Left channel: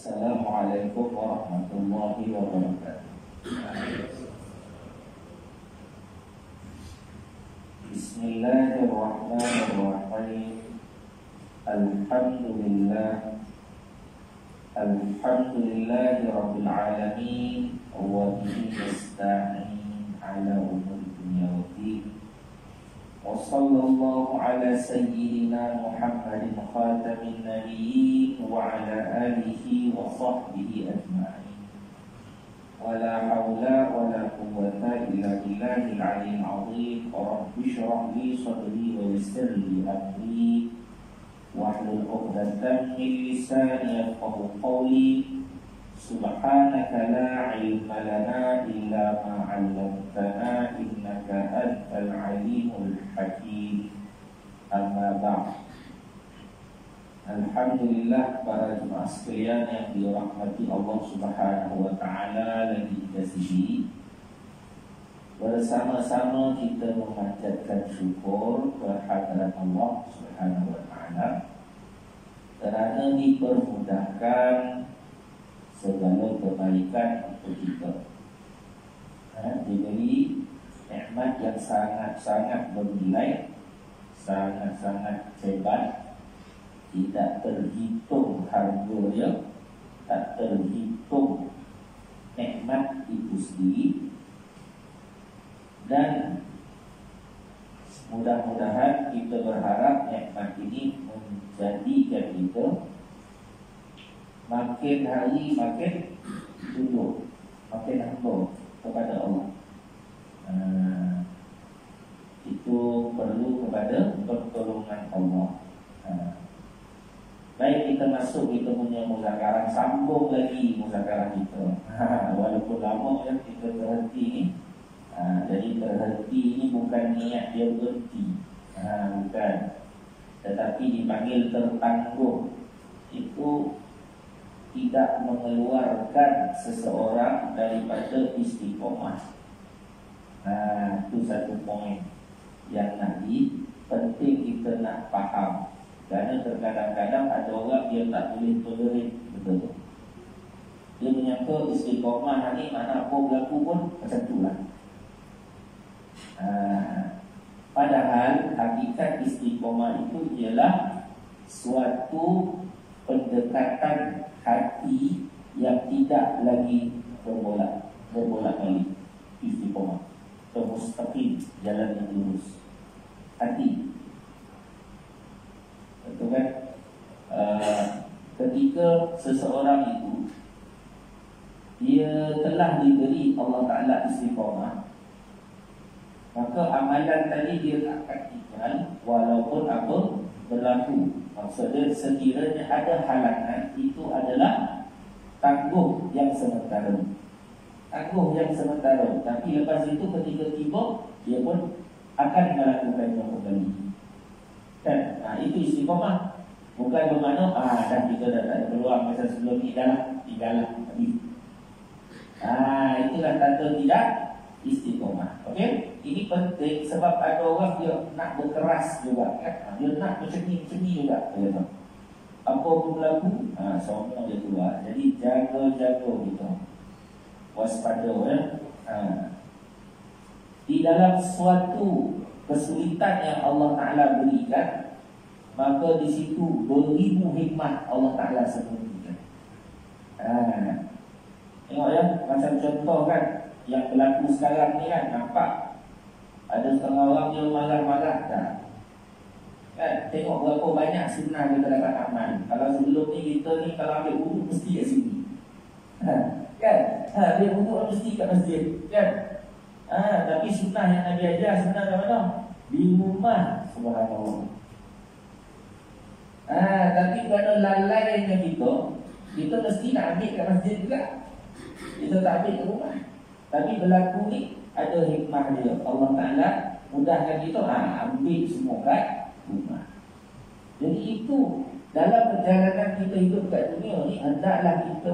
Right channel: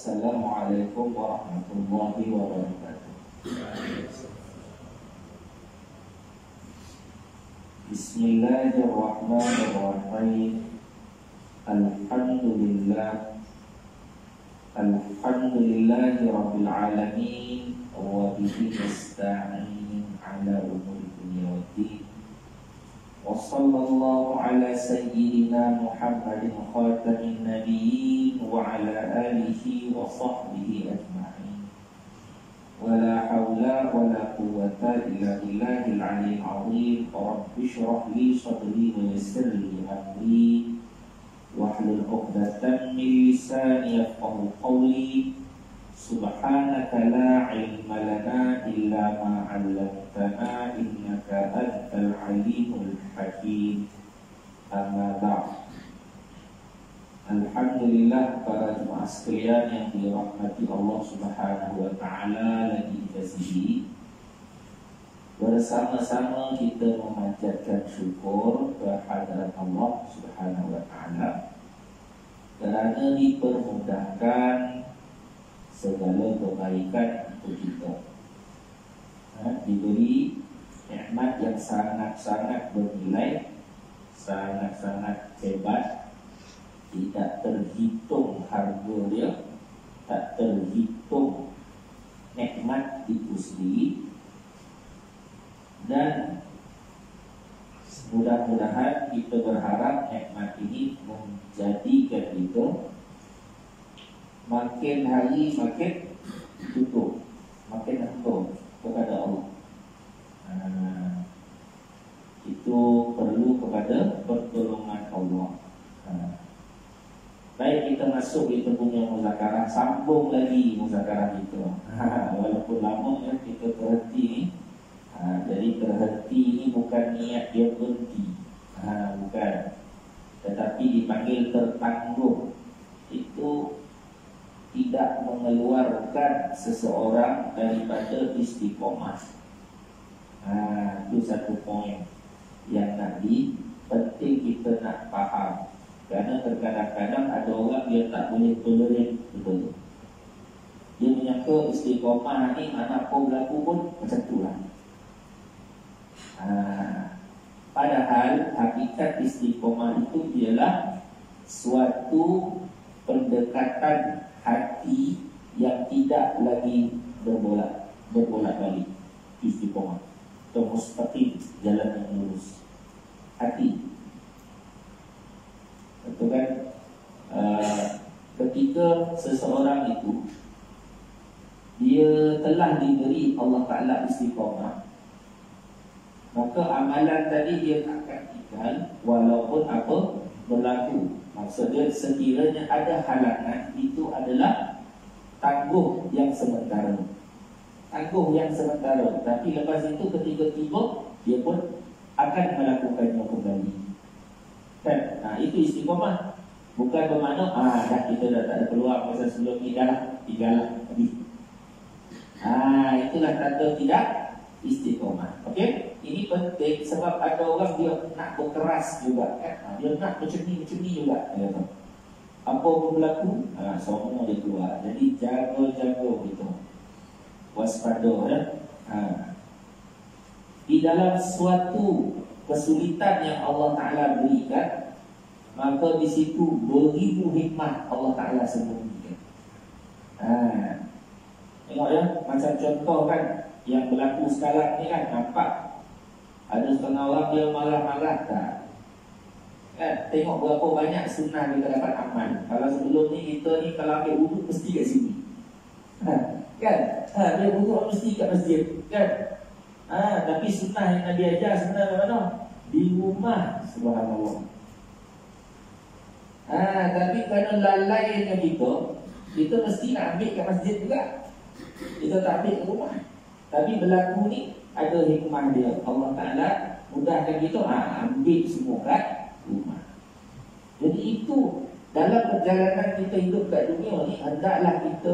Assalamualaikum warahmatullahi wabarakatuh. Bismillahirrahmanirrahim. Alhamdulillahi rabbil alamin, wa bihi nasta'in ala umuri dunya waddin. Wa sallallahu ala sayyidina Muhammadin khatamin nabiyyin wa ala alihi wa sahbihi ajma'in. Wa la hawla wa la quwwata illa billahil aliyyil azim. Rabbi shrah li sadri wa yassir li amri wahlul 'uqdatam min lisani yafqahu qawli. Subhanaka la ilma lana illa ma 'allamtana innaka antal alimul hakim. Amma ba'd. Alhamdulillah, para jemaah sekalian yang dirahmati Allah Subhanahu wa taala, lagi dikasihi, bersama-sama kita memanjatkan syukur kehadirat Allah Subhanahu wa taala kerana dipermudahkan segala kebaikan untuk kita. Diberi nikmat yang sangat-sangat bernilai, sangat-sangat hebat, tidak terhitung harga dia, tak terhitung nikmat itu sendiri. Dan mudah-mudahan kita berharap nikmat ini menjadikan kita makin hari makin tunduk, makin hamba kepada Allah. Itu perlu kepada pertolongan Allah. Baik, kita masuk, kita punya muzakarah, sambung lagi muzakarah kita. Walaupun lama ya kita terhenti ni. Jadi terhenti ni bukan niat dia berhenti, bukan. Tetapi dipanggil tertangguh. Itu tidak mengeluarkan seseorang daripada istiqomah. Itu satu poin yang Nabi penting kita nak faham. Kerana terkadang-kadang ada orang dia tak boleh tolerate betul. Dia menyangka istiqomah ni mana apa berlaku pun macam tu lah. Padahal hakikat istiqomah itu ialah suatu pendekatan hati yang tidak lagi berbolak-balik. Istiqomah atau mustaqim, jalan yang lurus. Hati, betul kan? Ketika seseorang itu dia telah diberi Allah Ta'ala istiqomah, maka amalan tadi dia akan tinggal walaupun apa berlaku. Maksudnya sekiranya ada halangan, itu adalah tangguh yang sementara. Tangguh yang sementara. Tapi lepas itu ketika tiba, dia pun akan melakukannya kembali. Dan itu istiqomah. Bukan bermakna dah kita dah tak ada peluang masa sebelum ni, dah tinggal habis. Itulah kata tidak istiqomah. Okey? Ini penting sebab ada orang dia nak berkeras juga kan. Dia nak macam ni juga. Apa pun berlaku, semua dia keluar. Jadi jaga-jaga gitu. Waspada ya. Di dalam suatu kesulitan yang Allah Ta'ala berikan, maka di situ beribu hikmah Allah Ta'ala sembunyikan. Tengok ya, macam contoh kan yang berlaku sekarang ni kan, nampak ada setengah orang dia marah-marah tak? Kan, tengok berapa banyak sunnah kita dapat amal. Kalau sebelum ni kita ni kalau ambil wuduk mesti kat sini. Kan? Dia wuduk mesti kat masjid, kan? Tapi sunnah yang Nabi ajar sebenarnya mana? Di rumah, subhanallah. Tapi kerana lalainya kita mesti nak ambil kat masjid juga. Kita tak ambil kat rumah. Tapi berlaku ni ada hikmah dia. Allah Ta'ala mudahkan kita, ambil semua kat rumah. Jadi itu dalam perjalanan kita hidup kat dunia ni, hendaklah kita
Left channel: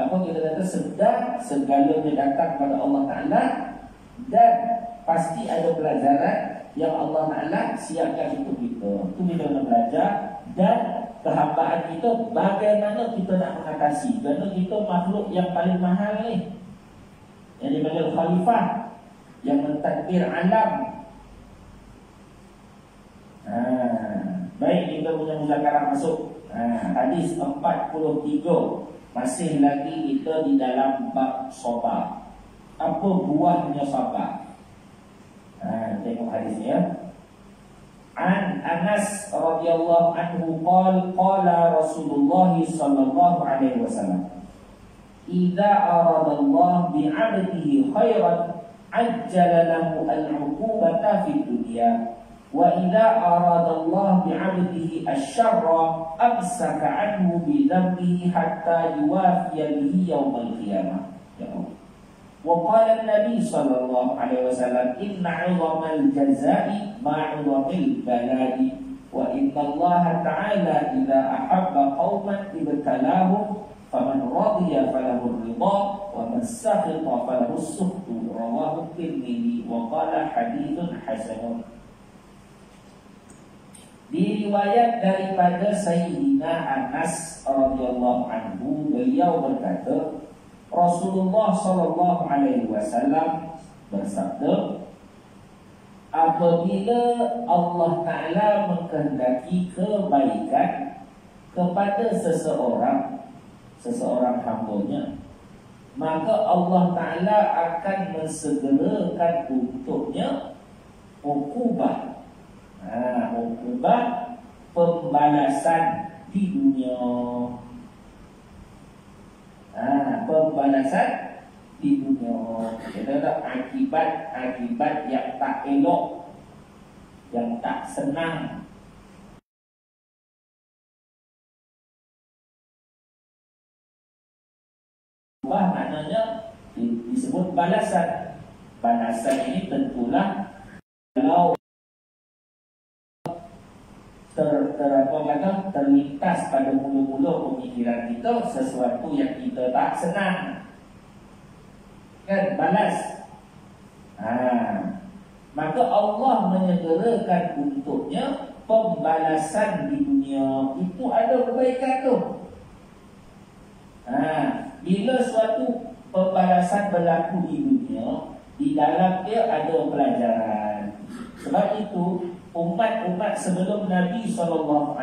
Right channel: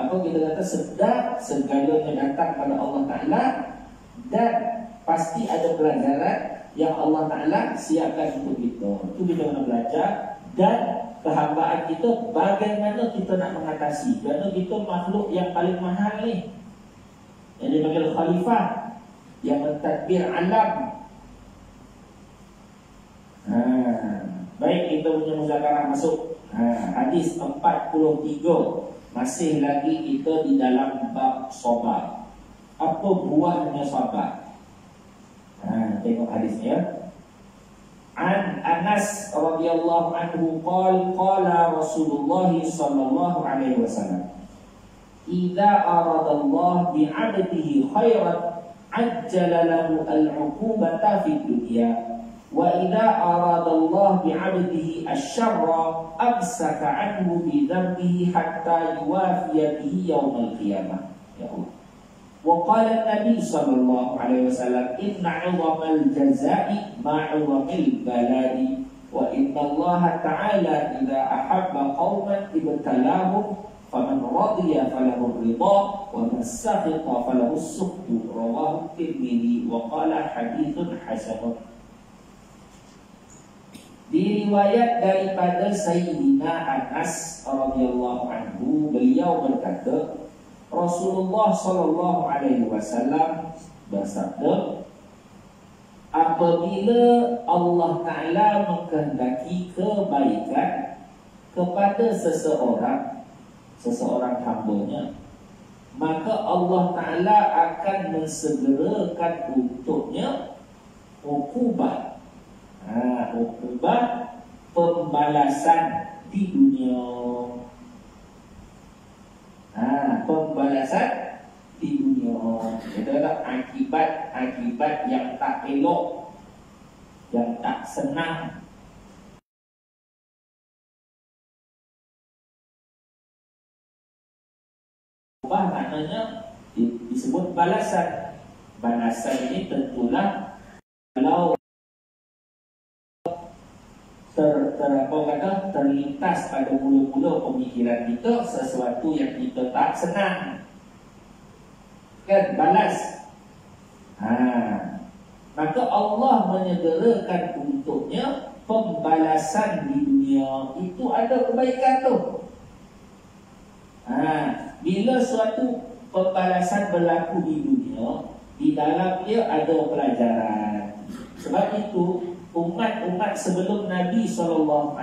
kita kata sedar segalanya datang pada Allah Ta'ala. Dan pasti ada pelajaran yang Allah Ta'ala siapkan untuk kita. Itu kita nak belajar. Dan kehambaan kita, bagaimana kita nak mengatasi. Kerana kita makhluk yang paling mahal ni, yang dipanggil khalifah, yang mentadbir alam. Baik, kita punya muzakarah masuk hadis 43. Masih lagi kita di dalam bab sabar. Apa buahnya sabar? Tengok hadisnya. An Anas radhiyallahu anhu qala Rasulullah sallallahu alaihi wasallam, idza arada Allah bi 'abdihi khairan ajjala lahu al-'uqubata fid dunya wa idza arada Allah bi 'abdihi asy-syarra amsaka 'anhu bi dhanbihi hatta yuwafiya bihi yaumil qiyamah. Ya Allah. وقال النبي صلى الله عليه وسلم إن عظم الجزاء مع عظم البلاء وإن الله تعالى إذا أحب قوما ابتلاهم فمن رضي فله الرضا ومن سخط فله السخط. رواه الترمذي وقال حديث حسن. Diriwayat daripada Sayyidina Anas radhiyallahu anhu, beliau berkata, Rasulullah sallallahu alaihi wasallam bersabda, apabila Allah Ta'ala mengkehendaki kebaikan kepada seseorang hambanya, maka Allah Ta'ala akan mensegerakan untuknya ukubah. Ukubah pembalasan di dunia. Pembalasan di dunia. Adalah akibat yang tak elok, yang tak senang. Maknanya disebut balasan. Balasan ini tentulah kalau terlintas pada mula-mula pemikiran kita sesuatu yang kita tak senang, kan, balas. Maka Allah menyegerakan untuknya pembalasan di dunia. Itu ada kebaikan tu. Bila suatu pembalasan berlaku di dunia, di dalam dia ada pelajaran. Sebab itu umat-umat sebelum Nabi SAW,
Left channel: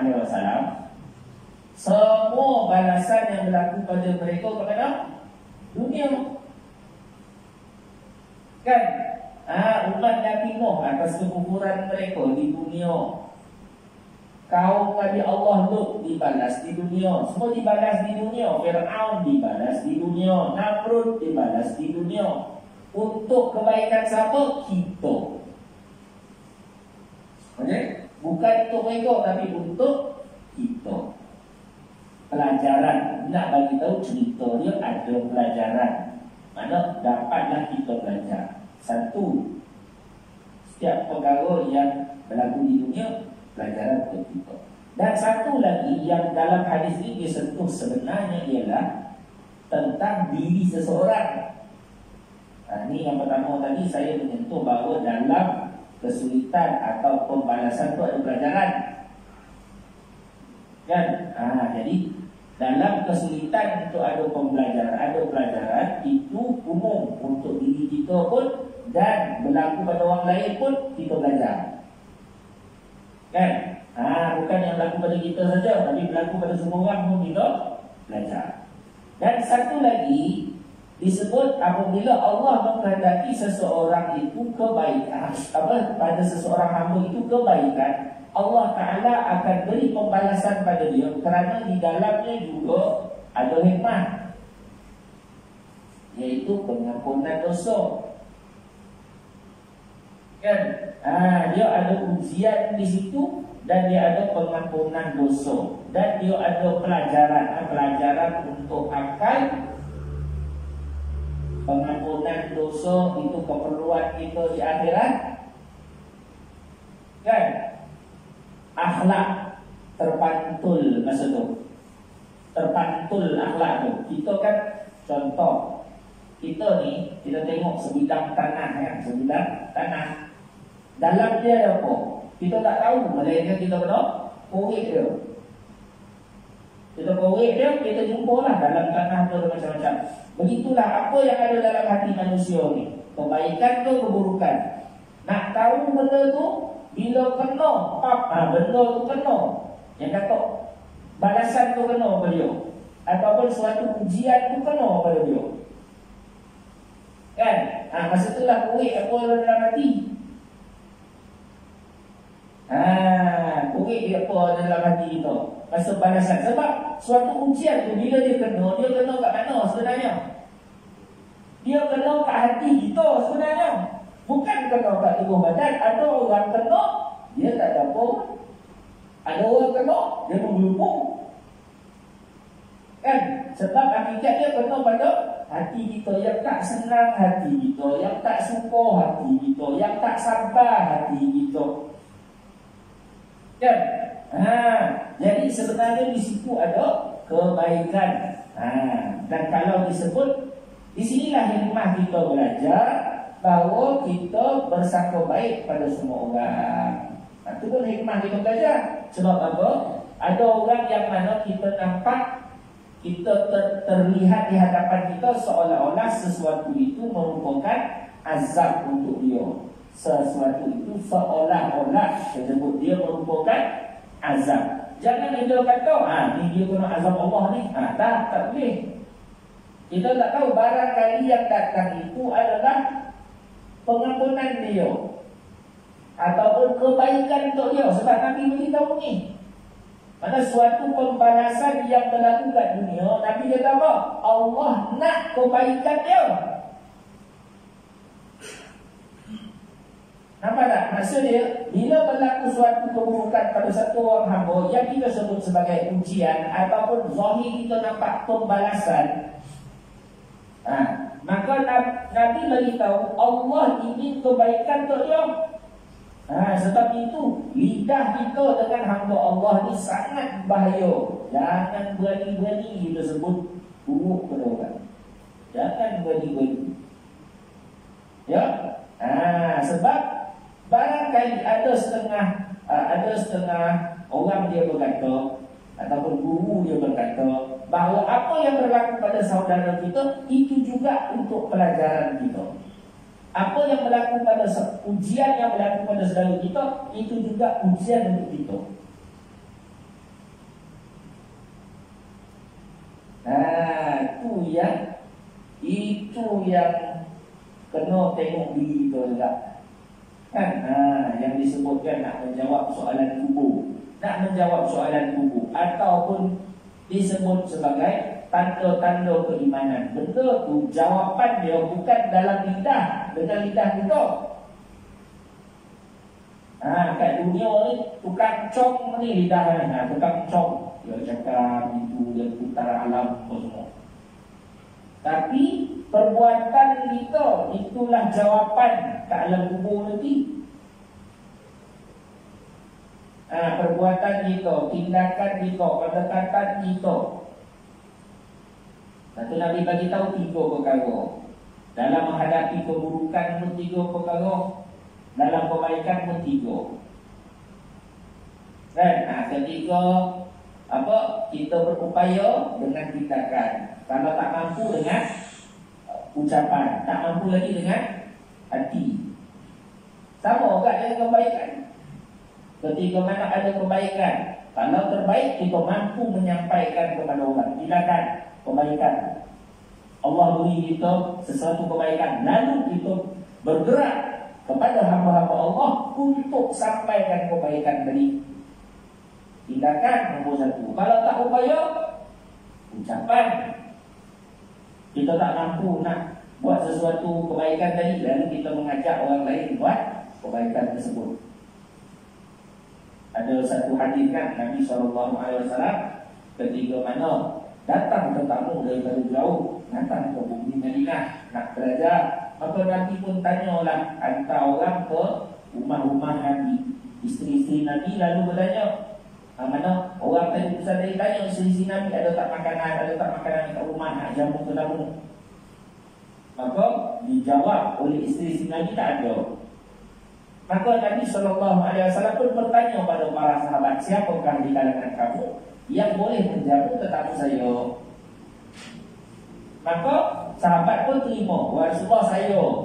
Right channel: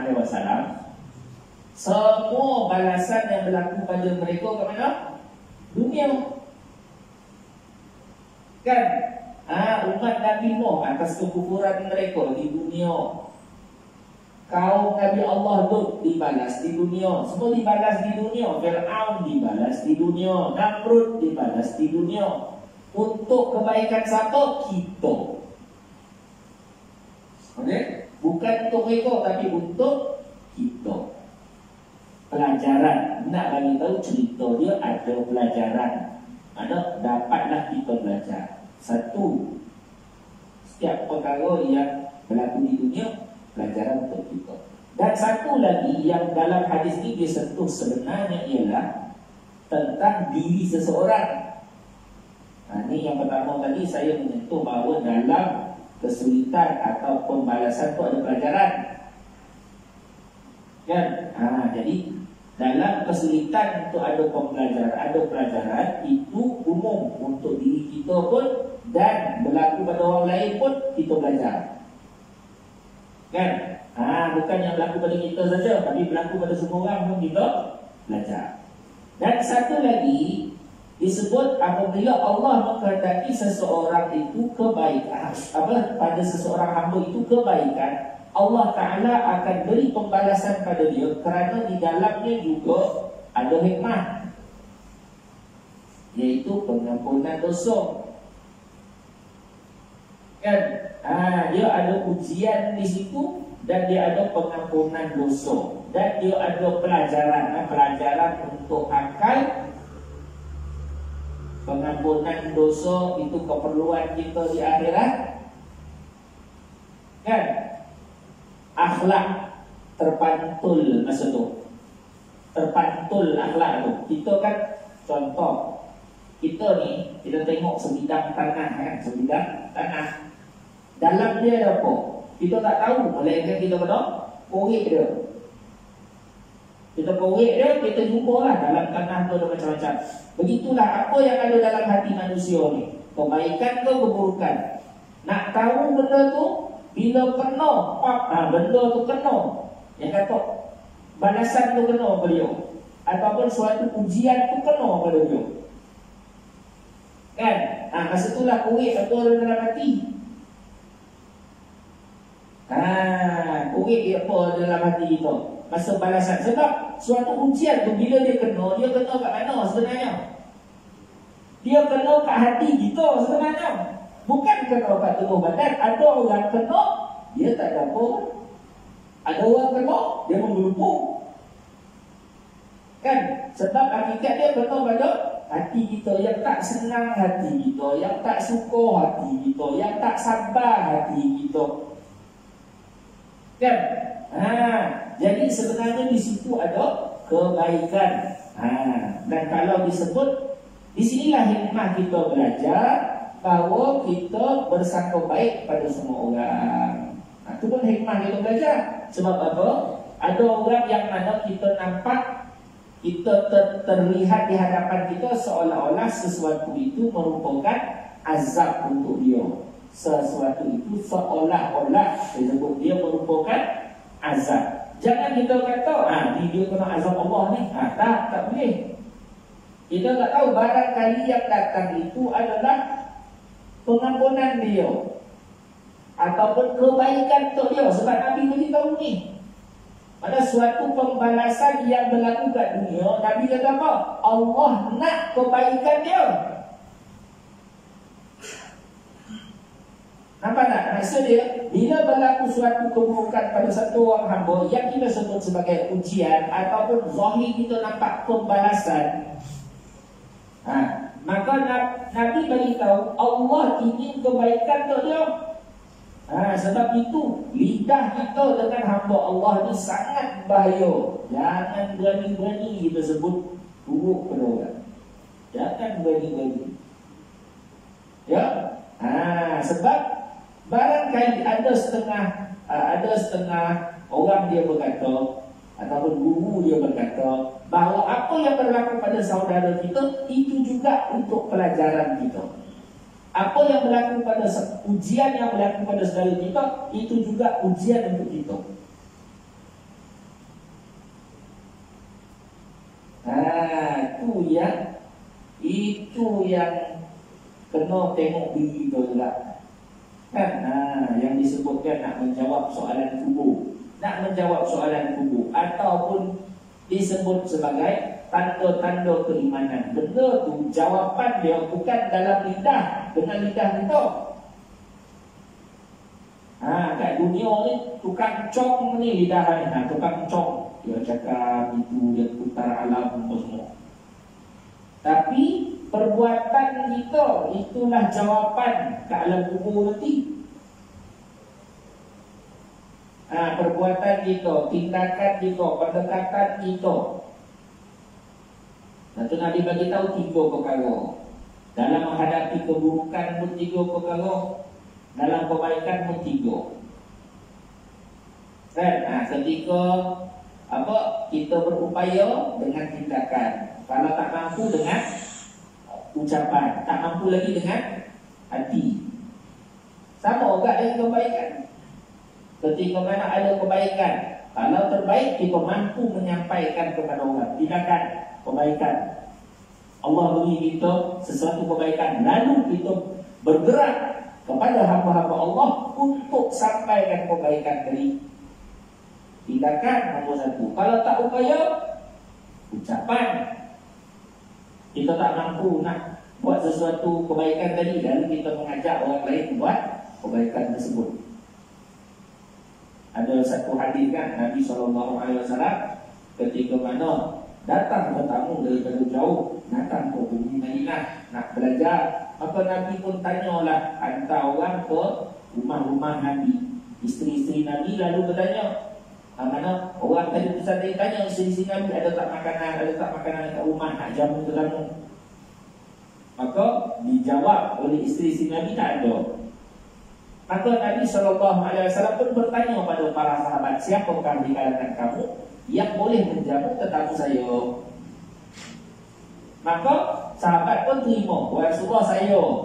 semua balasan yang berlaku pada mereka ke mana? Dunia. Kan? Umat Nabi Nuh atas kekufuran mereka di dunia. Kaum Nabi Allah Lut dibalas di dunia. Semua dibalas di dunia. Fir'aun dibalas di dunia. Namrud dibalas di dunia. Untuk kebaikan siapa? Kita. Okay? Bukan untuk mereka, tapi untuk kita. Pelajaran. Nak bagi tahu cerita dia ada pelajaran. Mana dapatlah kita belajar. Satu, setiap perkara yang berlaku di dunia, pelajaran untuk kita. Dan satu lagi yang dalam hadis ini disentuh sebenarnya ialah tentang diri seseorang. Ini yang pertama tadi saya menyentuh bahawa dalam kesulitan atau pembalasan itu ada pelajaran, kan? Jadi dalam kesulitan itu ada pelajaran itu umum untuk diri kita pun, dan berlaku pada orang lain pun kita belajar, kan? Bukan yang berlaku pada kita saja, tapi berlaku pada semua orang pun kita belajar. Dan satu lagi disebut apabila Allah menghendaki seseorang itu kebaikan, pada seseorang hamba itu kebaikan, Allah Ta'ala akan beri pembalasan pada dia, kerana di dalamnya juga ada hikmah, iaitu pengampunan dosa, kan? Dia ada ujian di situ, dan dia ada pengampunan dosa, dan dia ada pelajaran untuk akal. Pengampunan dosa itu keperluan kita di akhirat, kan? Akhlak terpantul, maksud tu terpantul akhlak tu. Kita kan, contoh, kita ni, kita tengok sebidang tanah, ya, sebidang tanah. Dalam dia ada apa? Kita tak tahu, melainkan kita kena korek dia. Kita korek dia, kita jumpalah dalam tanah tu macam-macam. Begitulah apa yang ada dalam hati manusia ni, kebaikan ke keburukan. Nak tahu benda tu bila kena, benda tu kena, yang kata balasan tu kena pada dia, ataupun suatu ujian tu kena pada dia, kan? Masa itulah korek apa dalam hati. Korek dia apa dalam hati kita masa balasan. Sebab suatu ujian tu bila dia kena kat mana sebenarnya? Dia kena kat hati kita sebenarnya, bukan kena kat tubuh badan. Ada orang kena dia tak ada apa, ada orang kena dia menggelupung, kan? Sebab hakikat dia kena pada hati kita, yang tak senang hati kita, yang tak suka hati kita, yang tak sabar hati kita, kan? Jadi sebenarnya di situ ada kebaikan. Dan kalau disebut, di sinilah hikmah kita belajar bahawa kita bersangka baik pada semua orang. Itu pun hikmah kita belajar. Sebab apa? Ada orang yang mana kita nampak, kita terlihat di hadapan kita seolah-olah sesuatu itu merupakan azab untuk dia. Sesuatu itu seolah-olah disebut dia merupakan azab. Jangan kita kata ni dia kena azab Allah ni. Tak boleh. Kita tak tahu barangkali yang datang itu adalah pengampunan dia ataupun kebaikan untuk dia. Sebab Nabi beritahu ni, pada suatu pembalasan yang berlaku kat dunia, Nabi kata apa? Allah nak kebaikan dia. Nampak tak? Maksud dia, bila berlaku suatu keburukan pada satu orang hamba yang kita sebut sebagai ujian ataupun zahir kita nampak pembalasan, maka Nabi beritahu Allah ingin kebaikan untuk dia. Sebab itu lidah kita dengan hamba Allah ni sangat bahaya. Jangan berani-berani kita sebut buruk pada orang. Jangan berani-berani, ya. Sebab barangkali ada setengah orang dia berkata, ataupun guru dia berkata bahawa apa yang berlaku pada saudara kita itu juga untuk pelajaran kita. Apa yang berlaku pada ujian yang berlaku pada saudara kita itu juga ujian untuk kita. Itu yang kena tengok diri kita juga, kan? Yang disebutkan nak menjawab soalan kubur, ataupun disebut sebagai tanda-tanda keimanan. Benda tu jawapan dia bukan dalam lidah, dengan lidah kita. Kat dunia ni tukang cong ni lidah ni, tukang cong, dia cakap itu, dia putar alam semua. Tapi perbuatan kita itulah jawapan ke alam kubur nanti. Perbuatan kita, tindakan kita, pendekatan kita. Satu Nabi bagi tahu 3 perkara. Dalam menghadapi keburukan pun 3 perkara, dalam kebaikan pun 3. Dan ketiga, kita berupaya dengan tindakan. Kalau tak mampu dengan ucapan, tak mampu lagi dengan hati. Sama juga dengan kebaikan. Ketika mana ada kebaikan, kalau terbaik kita mampu menyampaikan kepada orang. Tindakan kebaikan, Allah beri kita sesuatu kebaikan, lalu kita bergerak kepada hamba-hamba Allah untuk sampaikan kebaikan tadi. Tindakan nombor 1. Kalau tak upaya, ucapan. Kita tak mampu nak buat sesuatu kebaikan tadi, lalu kita mengajak orang lain buat kebaikan tersebut. Ada satu hadis kan, Nabi SAW ketika mana datang tetamu daripada jauh, datang ke bumi Madinah nak belajar, maka Nabi pun tanyalah hantar orang ke rumah-rumah Nabi, isteri-isteri Nabi, lalu bertanya, mana orang tadi pusat tadi tanya isteri-isteri Nabi ada tak makanan kat rumah nak jamu tetamu. Maka dijawab oleh isteri-isteri Nabi tak ada. Maka Nabi SAW pun bertanya pada para sahabat, siapakah di kalangan kamu Yang boleh menjamu tetamu saya. Maka sahabat pun terima. Rasulullah,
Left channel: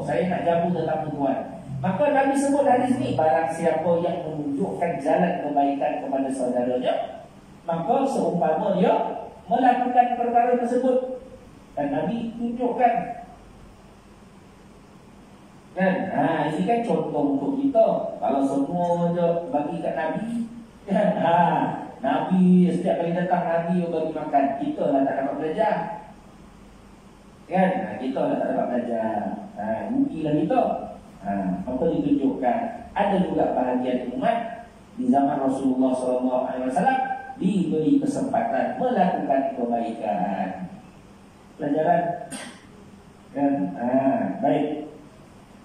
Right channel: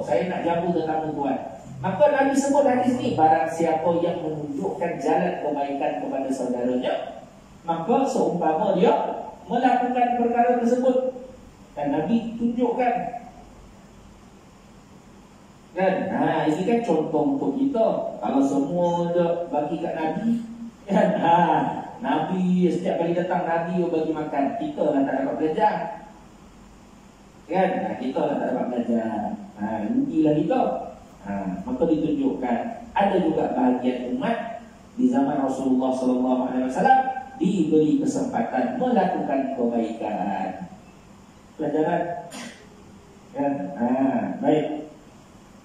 saya nak jamu tetamu tuan. Maka Nabi sebut hadis ni, barang siapa yang menunjukkan jalan kebaikan kepada saudaranya, maka seumpama dia melakukan perkara tersebut. Dan Nabi tunjukkan. Kan? Ini kan contoh untuk kita. Kalau semua je bagi kat Nabi, kan? Nabi setiap kali datang Nabi bagi makan, kita lah tak dapat belajar. Kan? Kita lah tak dapat belajar. Rugilah kita. Maka ditunjukkan ada juga bahagian umat di zaman Rasulullah SAW diberi kesempatan melakukan kebaikan. Pelajaran. Kan? Baik.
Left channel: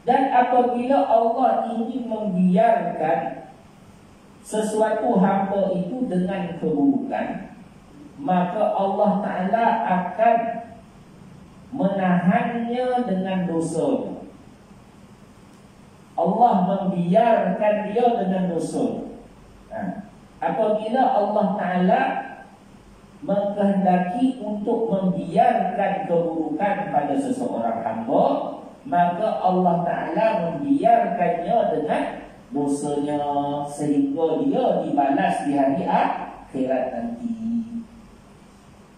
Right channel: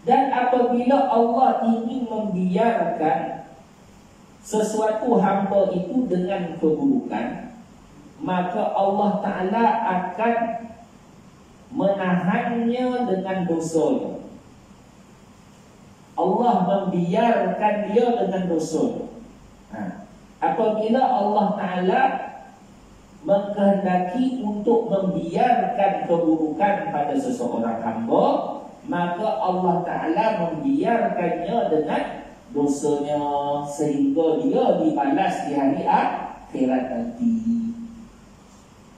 Dan apabila Allah ingin membiarkan sesuatu hamba itu dengan keburukan, maka Allah Ta'ala akan menahannya dengan dosanya. Allah membiarkan dia dengan dosa. Apabila Allah Ta'ala mengkehendaki untuk membiarkan keburukan pada seseorang hamba, maka Allah Ta'ala membiarkannya dengan dosanya, sehingga dia dibalas di hari akhirat nanti.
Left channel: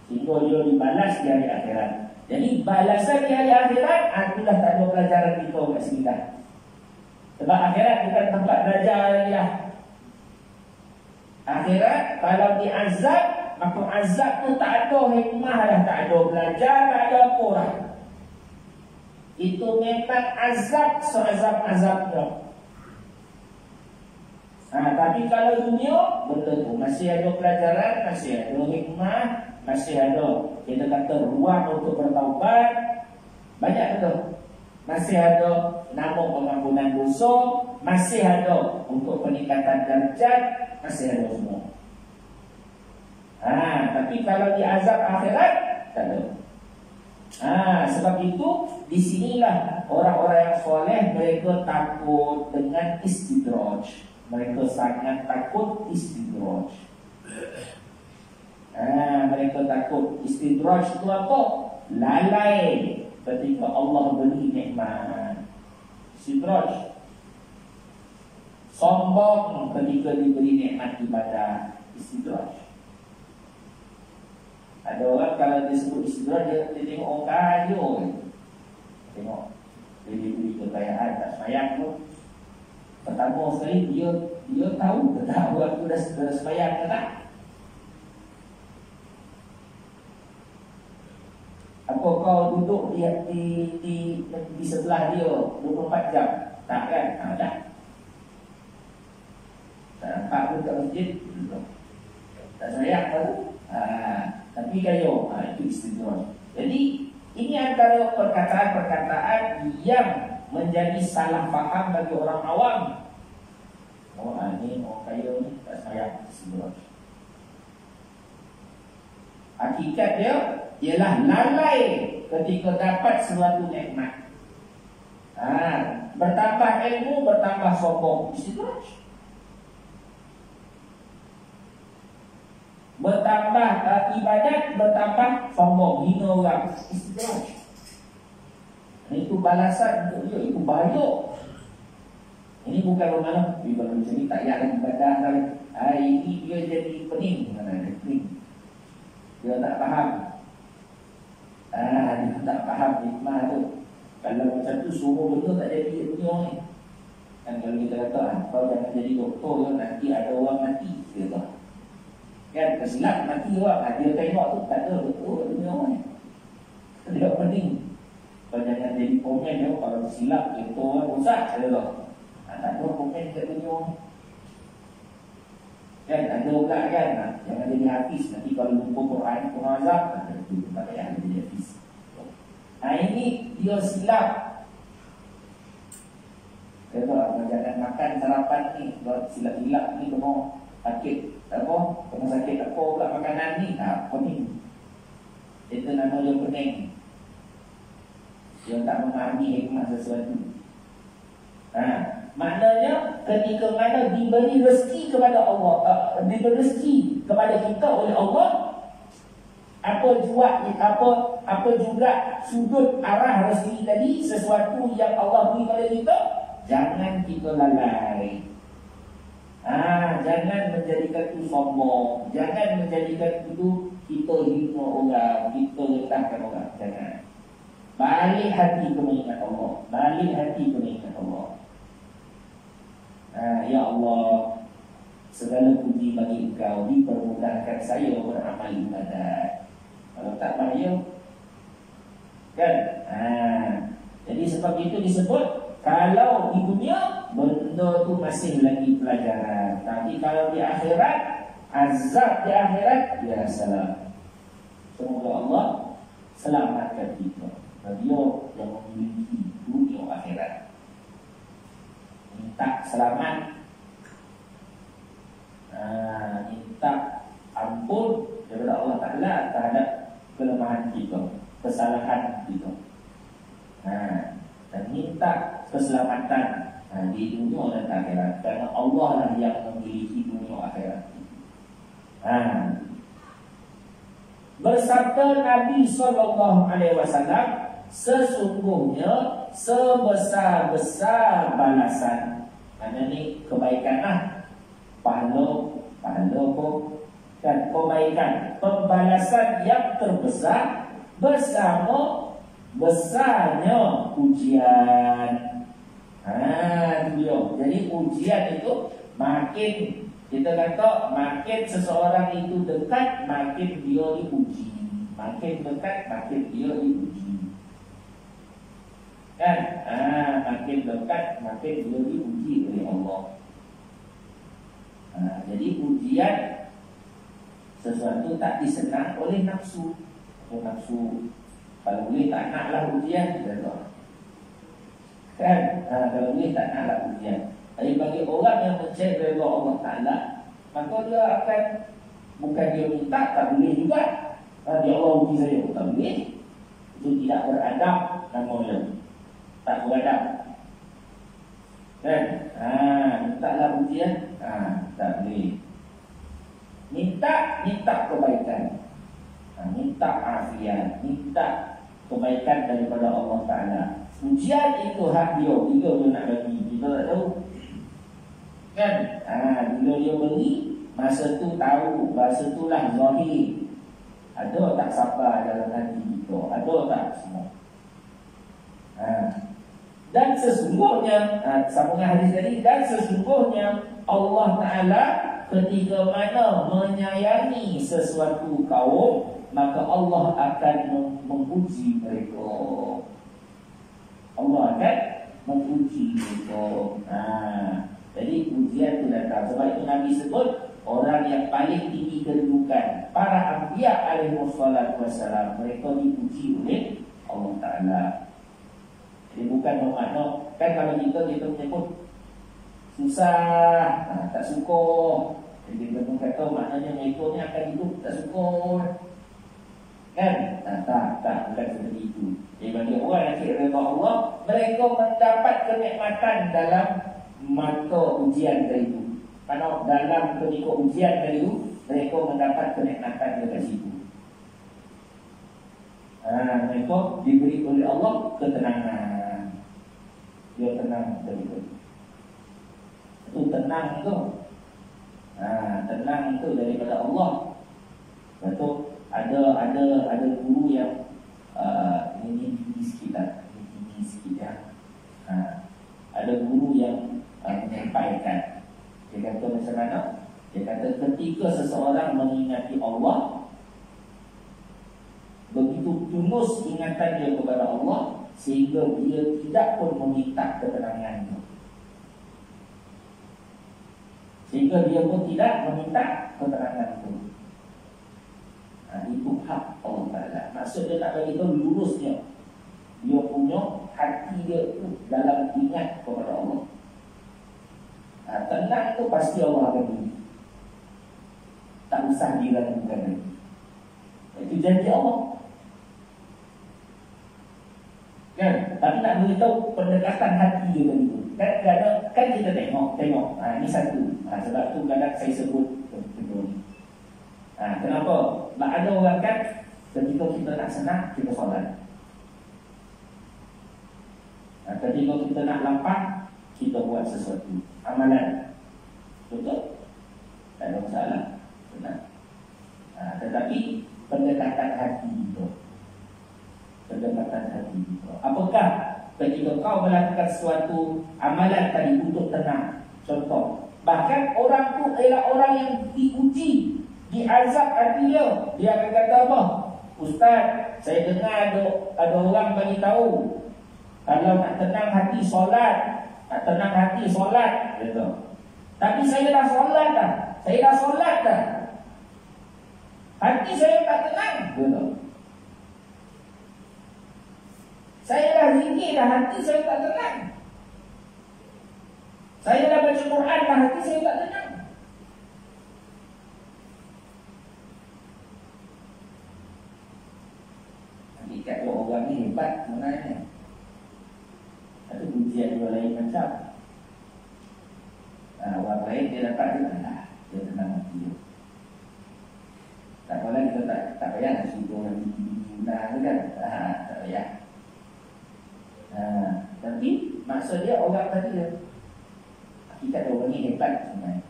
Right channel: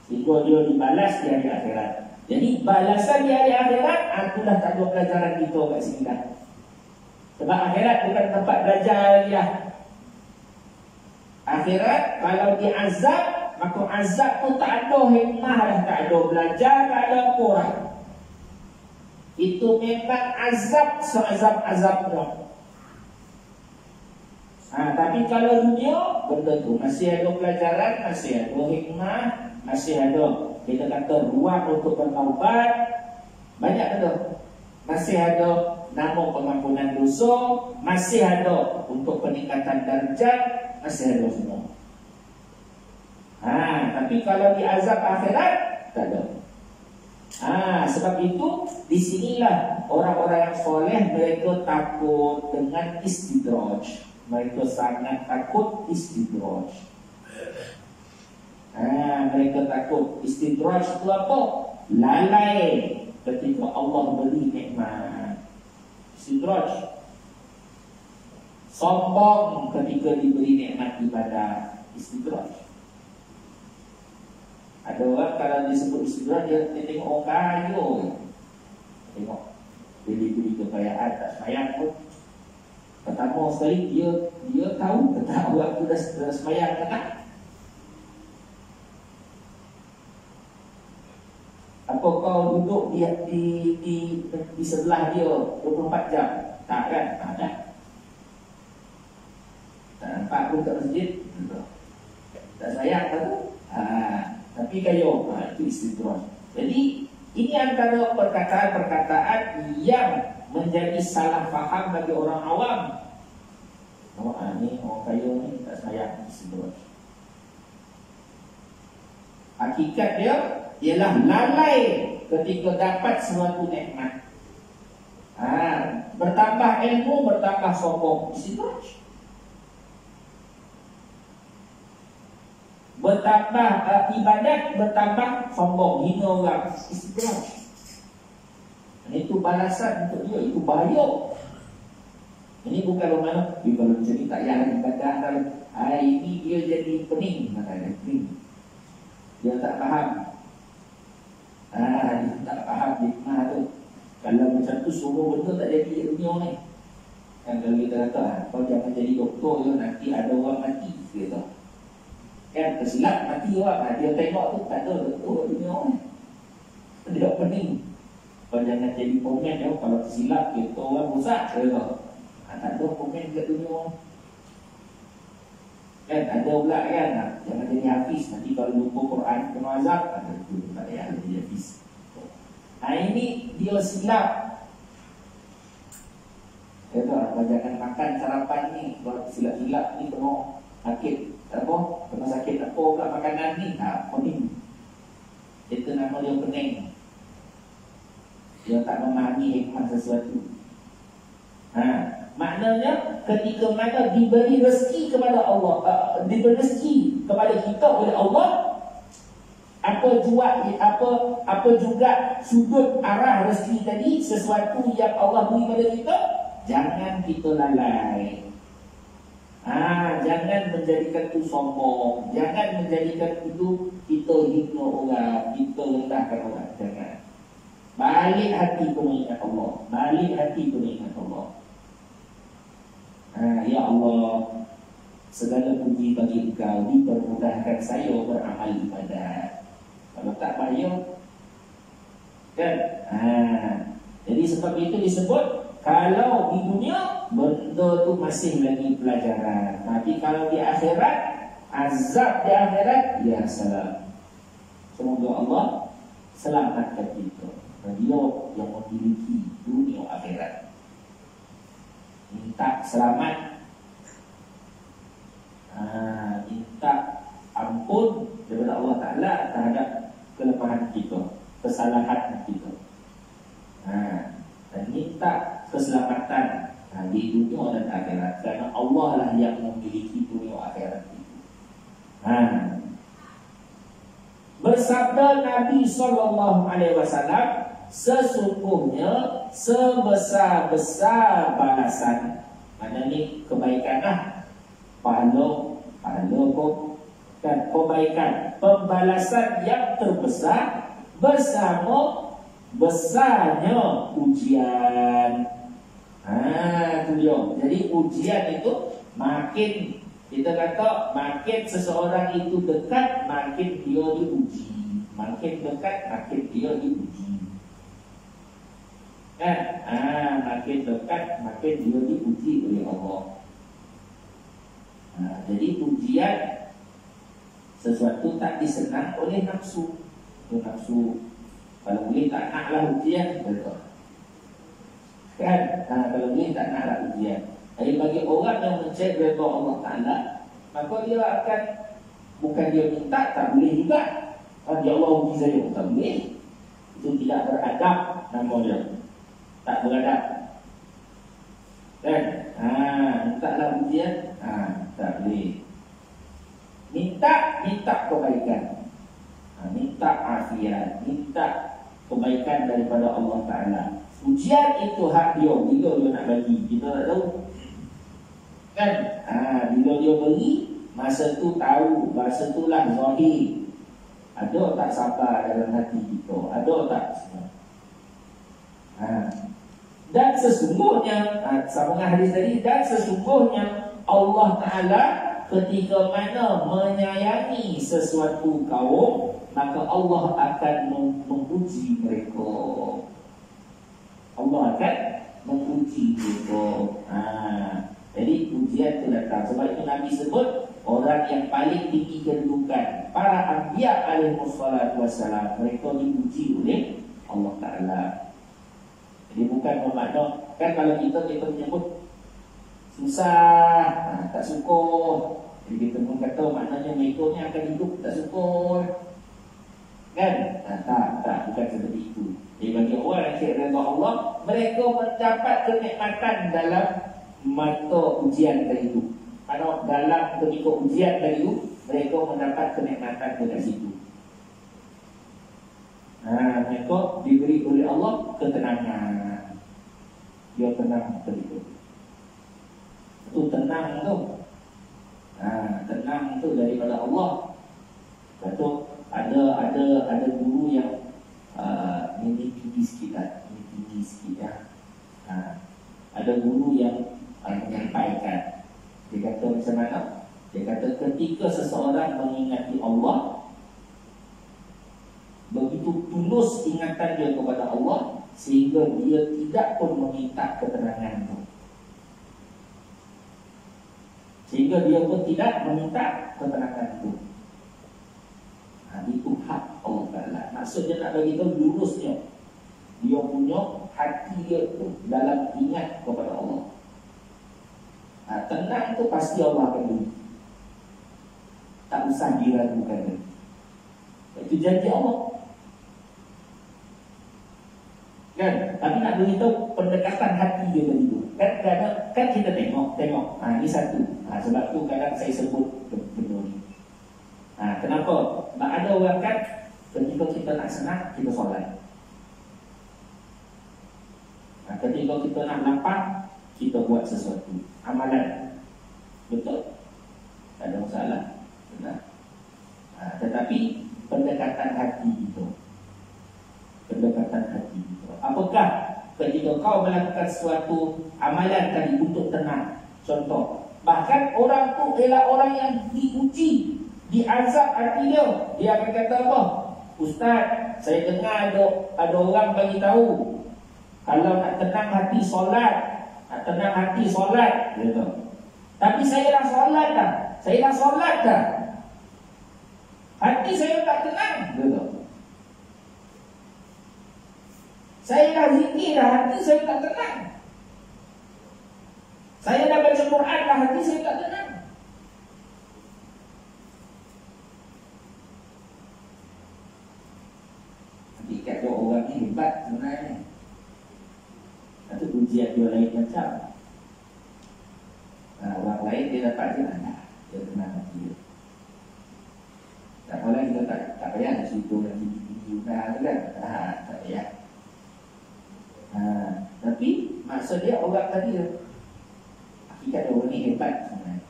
Sehingga dia dibalas di hari akhirat. Jadi balasan di hari akhirat, itulah tak ada pelajaran kita kat sini dah. Sebab akhirat bukan tempat belajar lagi lah. Akhirat kalau diazab, maka azab tu tak ada hikmah lah, tak ada belajar, tak ada apa lah. Itu memang azab seazab-azabnya. Tapi kalau dunia, benda tu masih ada pelajaran, masih ada hikmah, masih ada, kita kata, ruang untuk bertaubat. Banyak betul. Masih ada nama pengampunan dosa, masih ada untuk peningkatan darjat, masih ada semua. Tapi kalau di azab akhirat, tak ada. Sebab itu di sinilah orang-orang yang soleh mereka takut dengan istidraj. Mereka sangat takut istidraj. Mereka takut istidraj itu apa? Lalai ketika Allah beri nikmat. Istidraj. Sombong ketika diberi nikmat ibadah. Istidraj. Ada orang kalau disebut istidraj, dia tengok orang kaya. Tengok dia diberi kekayaan, tak sayang pun. Pertama sekali dia tahu ke tak orang tu dah sembahyang ke tak? Apa kau duduk di sebelah dia 24 jam? Tak kan? Tak. Tak nampak pun kat masjid. Tak sayang tahu. Tapi kayo, itu istidraj. Jadi ini antara perkataan-perkataan yang menjadi salah faham bagi orang awam. Ni orang kaya ni tak sayang istidraj. Hakikat dia ialah lalai ketika dapat suatu nikmat. Bertambah ilmu, bertambah sombong. Istidraj. Bertambah ibadat, bertambah sombong, hina orang. Istidraj. Itu balasan untuk dia. Itu bahaya. Ini bukan orang dia kalau macam ni tak payah ibadah lagi. Ini dia jadi pening. Dia tak faham. Dia tak faham hikmah tu. Kalau macam tu semua benda tak jadi di dunia ni. Kan kalau kita kata kau jangan jadi doktor ya, nanti ada orang mati. Dia kata kan tersilap mati orang. Dia tengok tu tak ada doktor dunia ni. Dia pening. Kau jangan jadi komen ya, kalau tersilap kita orang rosak. Dia kata tak ada komen kat dunia. Kan ada pula kan, jangan jadi hafiz. Nanti kalau lupa Quran kena azab. Itu tak payah jadi hafiz. Ini dia silap. Dia kata jangan makan sarapan ni, buat silap-silap ni kena sakit. Apa? Kena sakit apa pula makanan ni. Pening. Itu nama dia pening. Dia tak memahami hikmah sesuatu. Maknanya ketika mana diberi rezeki kepada Allah, diberi rezeki kepada kita oleh Allah, apa juga sudut arah rezeki tadi, sesuatu yang Allah beri pada kita, jangan kita lalai. Jangan menjadikan itu sombong, jangan menjadikan itu kita hina orang, kita rendahkan orang. Jangan. Balik hati ke mengingat Allah, balik hati ke mengingat Allah. Ya Allah, segala puji bagi Engkau, dipermudahkan saya beramal ibadat. Kalau tak payah kan? Jadi sebab itu disebut, kalau di dunia benda tu masih lagi pelajaran, tapi kalau di akhirat, azab di akhirat, ya salam. Semoga Allah selamatkan kita. Dia yang memiliki dunia akhirat. Minta selamat, minta ampun daripada Allah Ta'ala terhadap kelemahan kita, kesalahan kita, dan minta keselamatan di dunia dan akhirat, karena Allah lah yang memiliki dunia akhirat. Bersabda Nabi SAW, sesungguhnya sebesar-besar balasan, mana ni kebaikan pahala pun dan kebaikan, pembalasan yang terbesar bersama besarnya ujian. Itu dia. Jadi ujian itu makin, kita kata, makin seseorang itu dekat, makin dia diuji. Makin dekat, makin dia diuji. Makin dekat, makin dia diuji oleh Allah. Jadi ujian sesuatu tak disenang oleh nafsu. Nafsu, kalau boleh tak naklah ujian, betul kan? Kalau boleh tak naklah ujian. Jadi bagi orang yang mencari redha Allah Ta'ala, maka dia akan, bukan dia minta, tak boleh juga. Ya Allah uji saya, tak boleh. Itu tidak beradab namanya, tak beradab kan? Mintalah ujian, tak boleh. Minta kebaikan, minta afiat, minta kebaikan daripada Allah Ta'ala. Ujian itu hak dia, bila dia nak bagi, kita tak tahu kan? Bila dia beri, masa tu tahu, masa tu lah zahir. Ada tak sabar dalam hati kita? Ada tak semua? Dan sesungguhnya, sama dengan hadis tadi, dan sesungguhnya Allah Ta'ala ketika mana menyayangi sesuatu kaum, maka Allah akan menguji mereka. Allah akan menguji mereka. Jadi ujian itu datang. Sebab itu Nabi sebut, orang yang paling tinggi kedudukan, para anbiya alaihissalatu wassalam, mereka diuji oleh Allah Ta'ala. Jadi bukan bermakna, kan kalau kita menyebut susah, tak syukur, jadi kita pun kata maknanya mengikutnya akan hidup tak syukur kan? Tak, bukan seperti itu. Jadi bagi orang yang kira redha Allah, mereka mendapat kenikmatan dalam mata ujian tadi itu. Kalau dalam pengikut ujian tadi itu, mereka mendapat kenikmatan dari situ. Mereka diberi oleh Allah ketenangan. Dia tenang begitu. Itu tenang tu. Tenang tu daripada Allah. Betul. Ada guru yang ini tinggi sikit ya. Ada guru yang menyampaikan. Dia kata macam mana? Dia kata ketika seseorang mengingati Allah, begitu tulus ingatan dia kepada Allah, sehingga dia tidak pun meminta ketenangan itu. Sehingga dia pun tidak meminta ketenangan itu. Itu hak Allah Ta'ala. Maksudnya nak bagi tahu lurusnya, dia punya hati dia tu dalam ingat kepada Allah. Tenang tu pasti Allah akan beri. Tak usah diragukan. Itu janji Allah kan? Tapi nak beritahu pendekatan hati dia tadi tu. Kan kita tengok. Ini satu. Sebab tu kadang saya sebut betul. Kenapa? Sebab ada orang kan ketika kita nak senang, kita solat. Ketika kita nak lapar, kita buat sesuatu amalan. Betul? Tak ada masalah. Benar. Tetapi pendekatan hati itu, apakah ketika kau melakukan sesuatu amalan tadi untuk tenang? Contoh, bahkan orang tu ialah orang yang diuji, diazab hati dia. Dia akan kata apa? Ustaz, saya dengar ada orang bagi tahu kalau nak tenang hati solat, gitu. Tapi saya dah solat dah. Hati saya tak tenang, gitu. Saya dah zikir dah, hati saya tak tenang. Saya dah baca Quran dah, hati saya tak tenang. Hakikat dua orang ni hebat sebenarnya. Satu ujian dua lain macam. Orang lain dia dapat dia tenang hati dia. Tak malah kita tak payah nak suruh nanti guna kan. Tak payah. Tapi maksud dia orang tadi dia, hakikat orang ni hebat sebenarnya.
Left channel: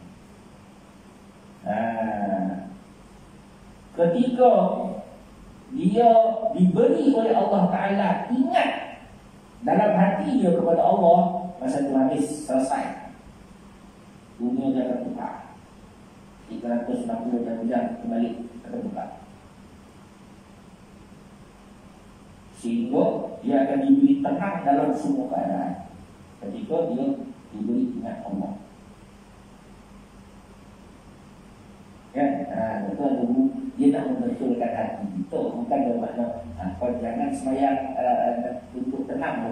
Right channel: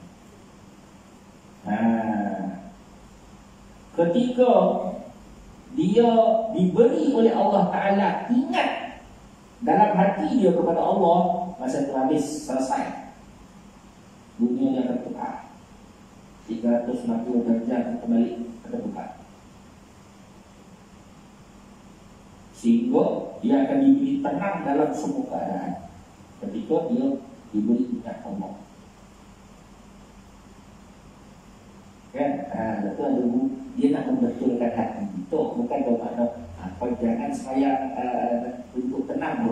Ketika dia diberi oleh Allah Ta'ala ingat dalam hati dia kepada Allah, masa itu habis, selesai. Dunia dia akan tukar 360 darjah kembali terbuka, sehingga dia akan diberi tenang dalam semua keadaan ketika dia diberi ingat Allah. Kan? Betul dulu dia nak membetulkan hati itu, bukan bermakna kau jangan sembahyang untuk tenang,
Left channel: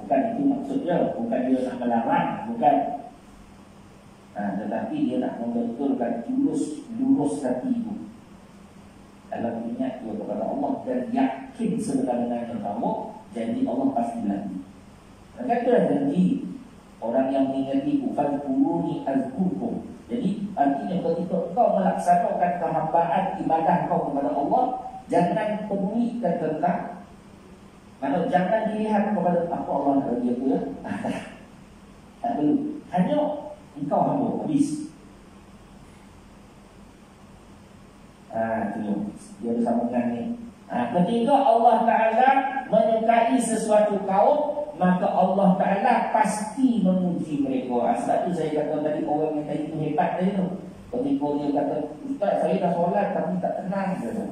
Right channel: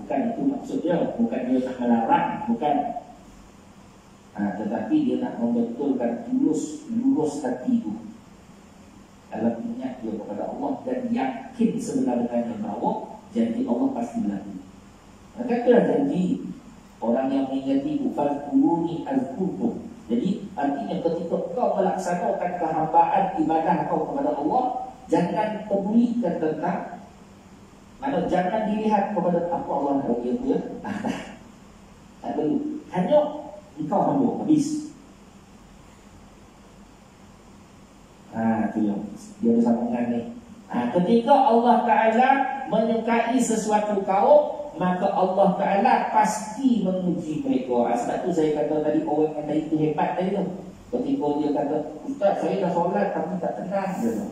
bukan itu maksudnya, bukan dia nak melarang, bukan. Tetapi dia nak membetulkan lurus hati itu dalam ingat dia kepada Allah dan yakin sebenarnya bahawa janji Allah pasti berlaku. Maka itulah janji orang yang mengingati bukan kuruni al-kubur. Jadi artinya ketika kau melaksanakan kehambaan ibadah kau kepada Allah, jangan pedulikan tentang jangan dilihat kepada apa Allah bagi dia. Tak perlu. Hanya engkau hamba habis. Tu yang dia ada sambungan ni. Ketika Allah Ta'ala menyukai sesuatu kaum, maka Allah Ta'ala pasti menguji mereka. Sebab tu saya kata tadi orang yang tadi tu hebat tadi tu. Ketika dia kata, Ustaz saya dah solat tapi tak tenang, dia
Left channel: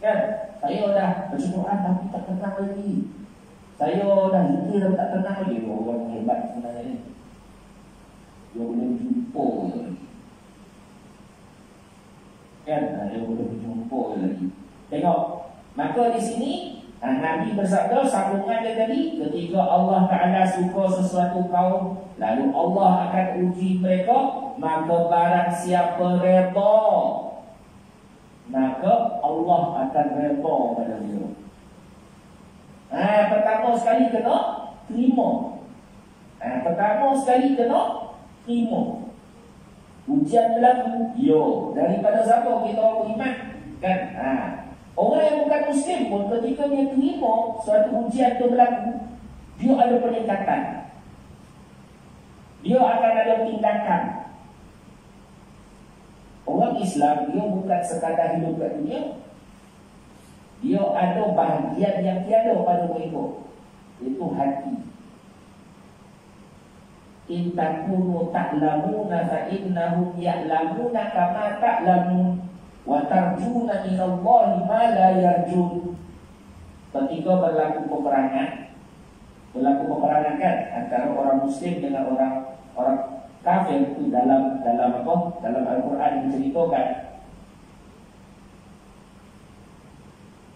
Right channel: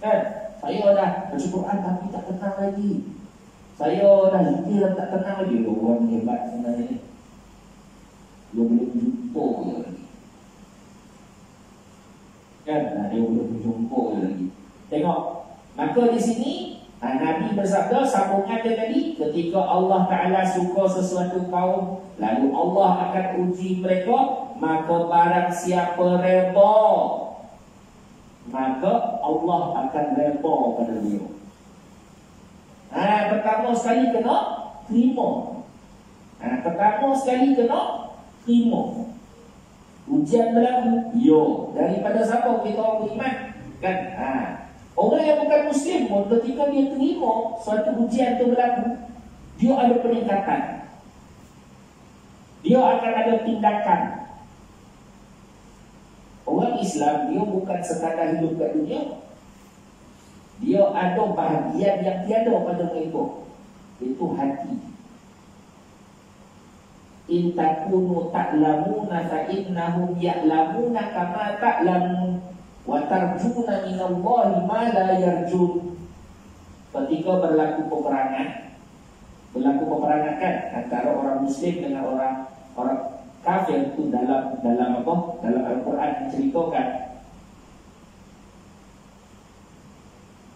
kan? Saya dah baca Quran tapi tak tenang lagi. Saya dah zikir tapi tak tenang lagi. Orang hebat sebenarnya ni. Dia boleh berjumpa lagi. Kan? Dia boleh berjumpa lagi. Tengok. Maka di sini Nabi bersabda, sambungan dia tadi, ketika Allah Ta'ala suka sesuatu kaum, lalu Allah akan uji mereka, maka barang siapa reda, maka Allah akan reda pada dia. Pertama sekali kena terima. Ujian berlaku, daripada siapa kita orang beriman kan? Orang yang bukan Muslim pun ketika dia terima suatu ujian itu berlaku, dia ada peningkatan, dia akan ada tindakan. Orang Islam dia bukan sekadar hidup kat dunia, dia ada bahagian yang tiada pada mereka, itu hati. In takunu ta'lamuna fa innahum ya'lamuna kama ta'lamun wa tarjuna minallahi ma la yarjun. Ketika berlaku peperangan kan antara orang Muslim dengan orang kafir itu dalam apa? Dalam Al-Quran menceritakan,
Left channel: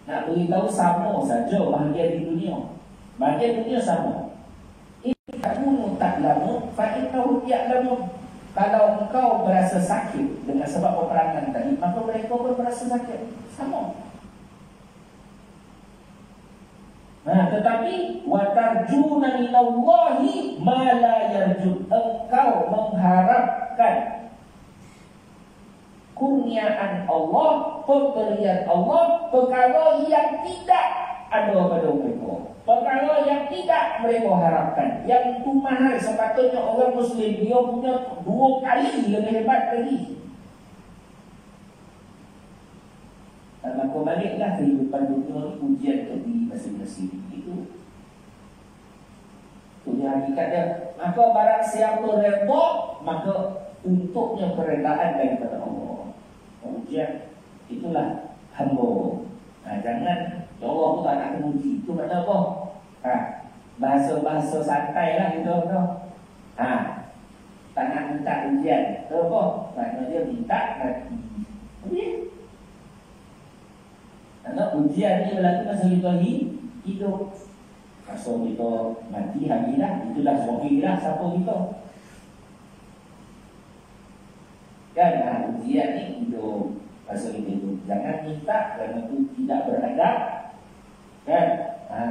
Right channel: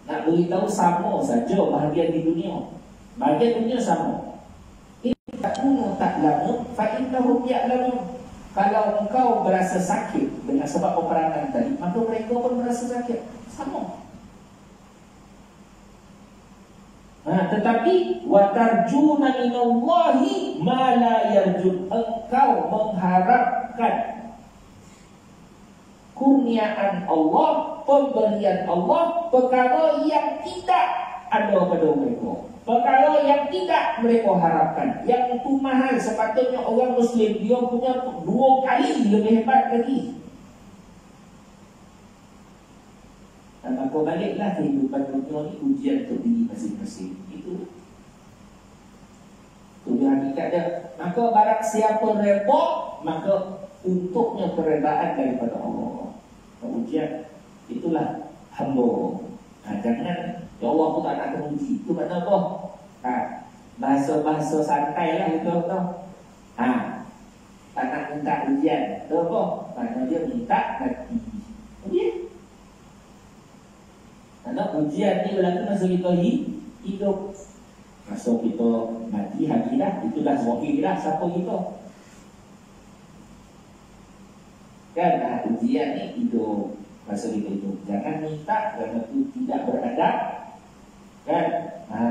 nak beritahu sama saja bahagian di dunia. Bahagian dunia sama. Takunu ta'lamun fa innahum ya'lamun. Kalau engkau berasa sakit dengan sebab peperangan tadi, maka mereka pun berasa sakit. Sama. Tetapi watarjuna minallahi ma la yarjun, engkau mengharapkan kurniaan Allah, pemberian Allah, perkara yang tidak ada pada mereka, perkara yang tidak mereka harapkan. Yang itu mahal. Sepatutnya orang Muslim dia punya 2 kali lebih hebat lagi. Dan maka baliklah kehidupan dunia ini ujian untuk diri masing-masing. Itu hakikat dia. Maka barang siapa redha, maka untuknya keredaan daripada Allah. Ujian itulah hamba. Jangan ya Allah pun tak nak teruji. Itu makna apa? Bahasa-bahasa santai lah itu apa? Tak nak minta ujian. Itu apa? Maknanya dia minta mati. Ujian. Karena ujian ni berlaku masa kita hidup. Masa kita mati habislah. Itulah wakillah siapa kita. Kan ujian ni hidup. Masa kita hidup. Jangan minta kerana itu tidak beradab. Kan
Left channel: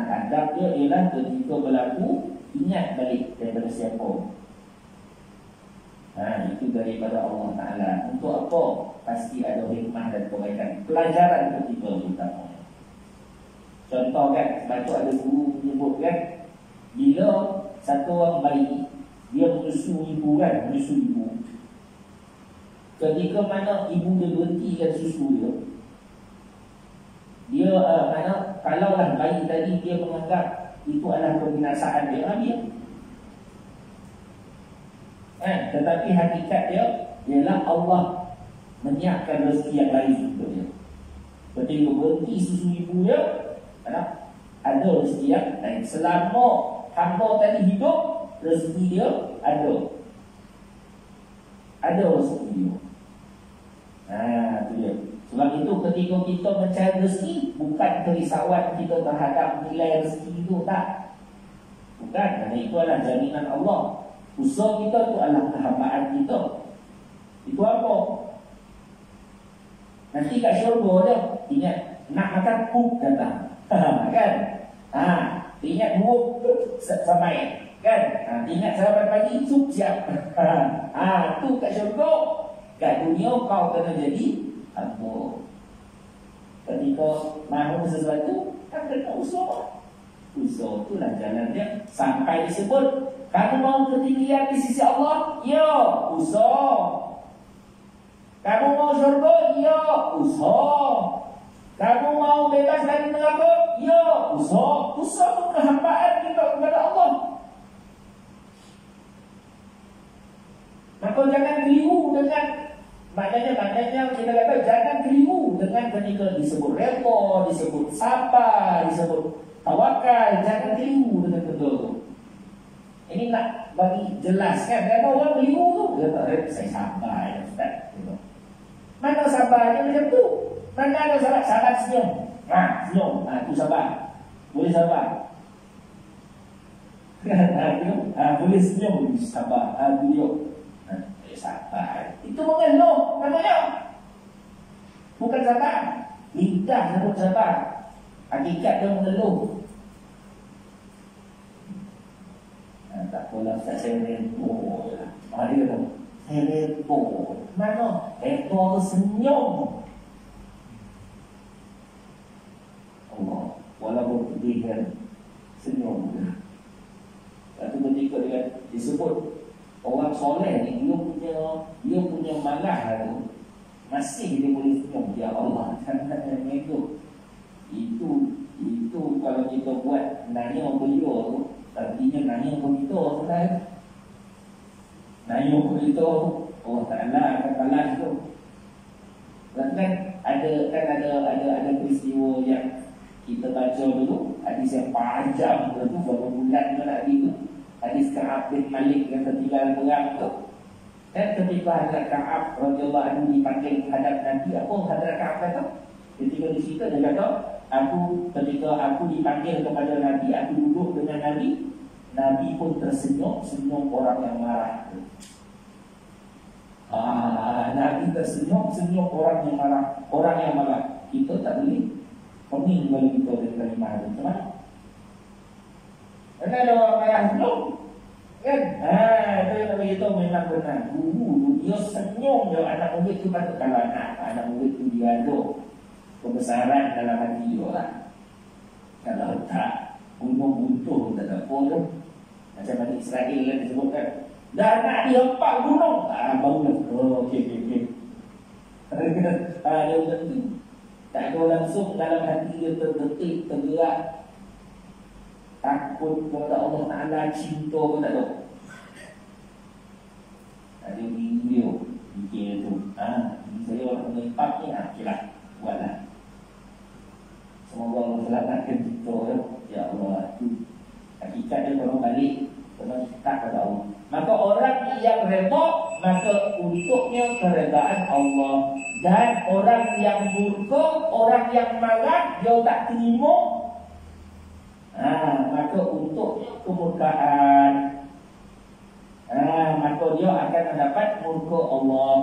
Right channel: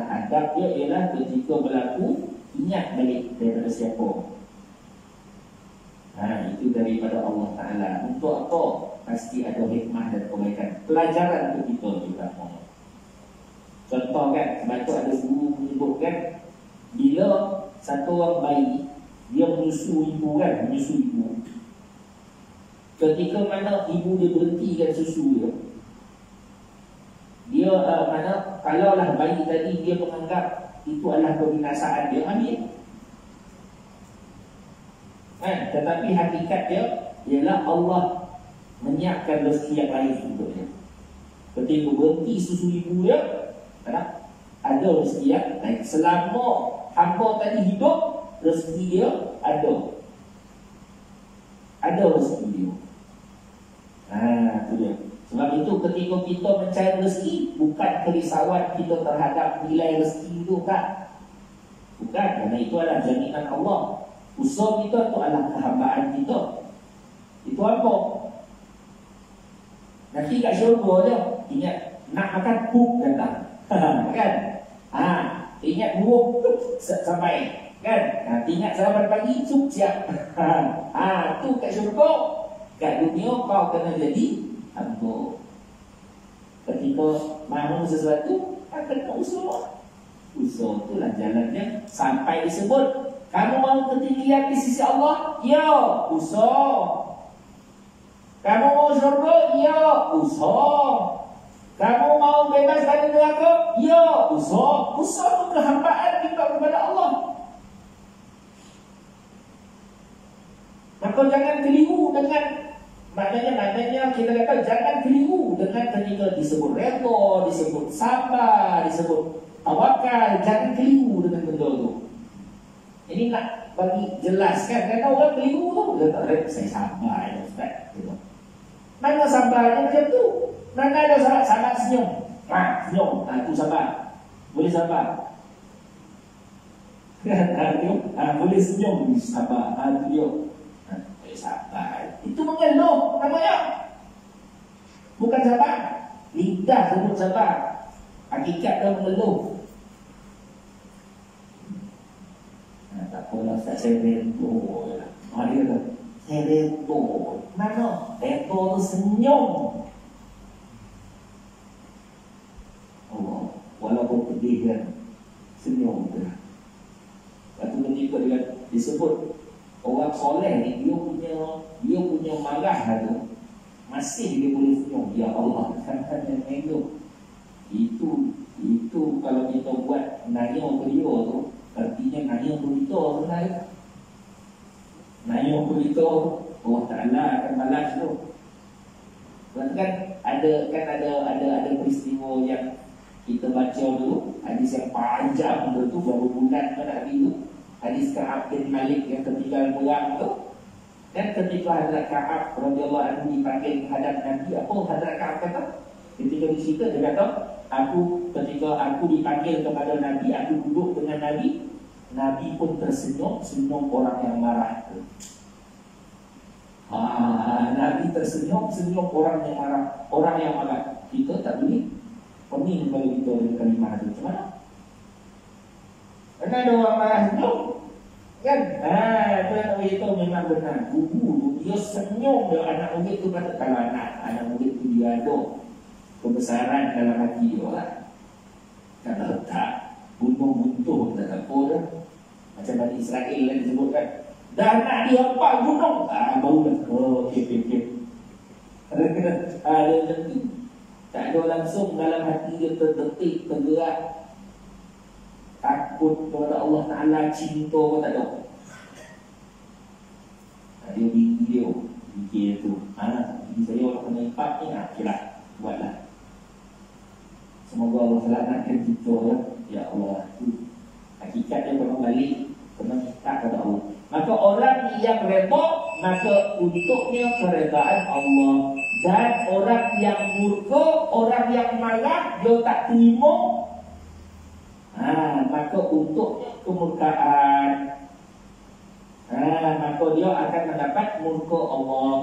adab dia ialah ketika berlaku ingat balik daripada siapa. Itu daripada Allah Ta'ala. Untuk apa? Pasti ada hikmah dan kebaikan. Pelajaran untuk kita terutama. Contoh kan, sebab tu ada guru menyebut kan, bila satu orang bayi dia menyusu ibu kan, menyusu ibu. Ketika mana ibu dia berhentikan susu dia mana kalaulah bayi tadi dia menganggap itu adalah kebinasaan, dia ambil. Tetapi hakikat dia ialah Allah menyiapkan rezeki yang lain untuk dia. Ketika berhenti susu ibu dia, ada rezeki yang lain. Selama hamba tadi hidup, rezeki dia ada. Ada rezeki dia. Itu dia. Sebab itu ketika kita mencari rezeki, bukan kerisauan kita terhadap nilai rezeki itu, tak. Bukan, kerana itu adalah jaminan Allah. Usaha kita itu adalah kehambaan kita. Itu apa? Nanti kat syurga dia ingat nak makan pup datang. Kan? Ingat buruk sampai. Kan? Ingat sarapan pagi sup siap. Tu kat syurga. Kat dunia kau kena jadi hamba. Ketika mahu sesuatu, kan kena usaha. Usaha itulah jalannya sampai disebut kamu mau ketinggian di sisi Allah? Ya, usaha. Kamu mau syurga? Ya, usaha. Kamu mau bebas dari neraka? Ya, usaha. Usaha itu kehambaan kita kepada Allah. Maka jangan keliru dengan maknanya kita kata jangan keliru dengan ketika disebut redha, disebut sabar, disebut tawakal. Jangan keliru dengan benda itu. Ini nak bagi jelaskan. Kan orang keliru tu dia kata saya sabar ya Ustaz. Mana sabarnya macam tu? Mana ada sahabat senyum? Senyum. Itu sabar. Boleh sabar. Boleh senyum. Sabar. Dia sabar. Itu mengeluh namanya. Bukan sabar. Lidah sebut sabar. Hakikat dia mengeluh. Tak apalah Ustaz, saya redha. Dia kata saya redha. Mana? Redha tu senyum. Allah, walaupun pedih kan, senyum je. Satu ketika dia disebut orang soleh ni, dia punya marah tu masih dia boleh senyum. Ya Allah, sangat hidup. Itu kalau kita buat nanya beliau tu, artinya nanya begitu sebenarnya. Nanya begitu Allah Ta'ala akan balas tu. Kan ada peristiwa yang kita baca dulu, hadis yang panjang tu berapa bulan Nabi tu, hadis Ka'ab bin Malik yang ketinggalan perang tu. Dan ketika Hadrat Ka'ab radhiyallahu anhu dipanggil menghadap Nabi, apa Hadrat Ka'ab kata? Ketika di situ dia kata, ketika aku dipanggil kepada Nabi, aku duduk dengan Nabi. Nabi pun tersenyum, senyum orang yang marah. Nabi tersenyum, senyum orang yang marah. Orang yang marah. Kita tak boleh pening bagi kita dengan kalimah itu. Macam mana? Kan ada orang marah belum? Kan? Itu yang begitu memang benar. Guru dia senyum dia anak murid tu patut kalau anak murid tu dia ada kebesaran dalam hati dia lah. Kalau tak gunung-guntung tak ada apa dah. Macam Bani Israel kan disebutkan, dah nak dia empat gunung. Baru dah. Okey. Dia tak ada langsung dalam hati dia terdetik, tergerak, takut kepada Allah Ta'ala, cinta pun tak ada. Dia fikir tu, ini saya orang pengempat ni, okeylah, buatlah. Semoga Allah selamatkan kita, ya Allah. Itu hakikatnya kalau balik kena minta kepada Allah. Maka orang yang redha, maka untuknya keredaan Allah. Dan orang yang murka, orang yang marah, dia tak terima, maka untuknya kemurkaan. Maka dia akan mendapat murka Allah.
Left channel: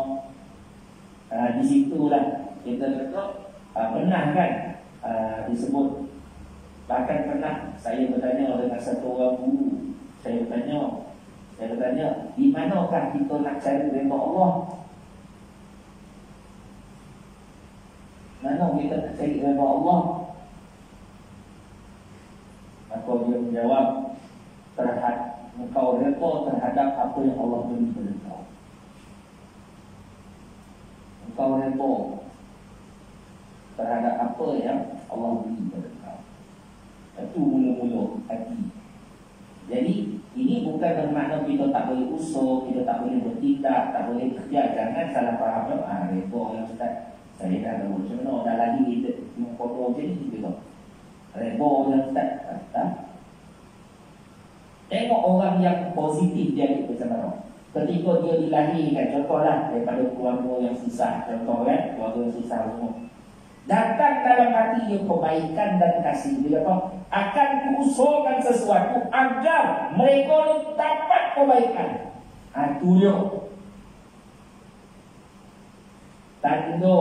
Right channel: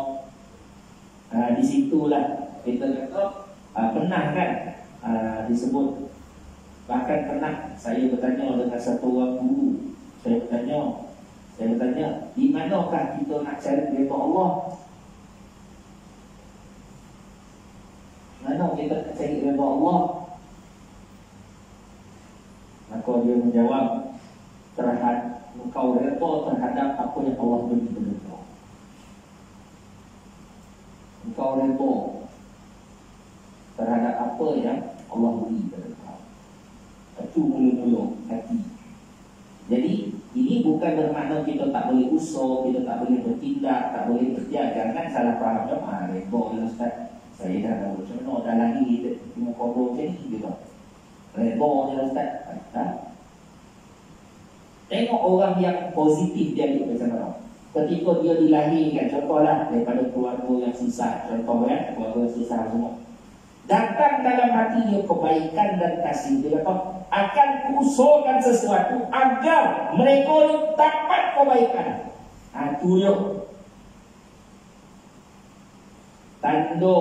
Di situlah kita kata pernah kan disebut, bahkan pernah saya bertanya dengan satu orang guru. Saya bertanya, di manakah kita nak cari redha Allah? Mana kita nak cari redha Allah? Maka dia menjawab, engkau redha terhadap apa yang Allah beri kepada kau. Engkau redha terhadap apa yang Allah beri kepada kau. Itu mula-mula hati. Jadi ini bukan bermakna kita tak boleh usaha, kita tak boleh bertindak, tak boleh kerja. Jangan salah faham. Redha ya Ustaz, saya dah baru senang, dah lahir tengok kodoh macam ni gitu. Redha ya Ustaz. Tengok orang yang positif dia hidup bersama. Ketika dia dilahirkan, contohlah daripada keluarga yang susah, contoh kan, keluarga yang susah semua, datang dalam hati dia kebaikan dan kasih. Dia kata, akan kuusahakan sesuatu agar mereka ni dapat kebaikan. Itu dia tanda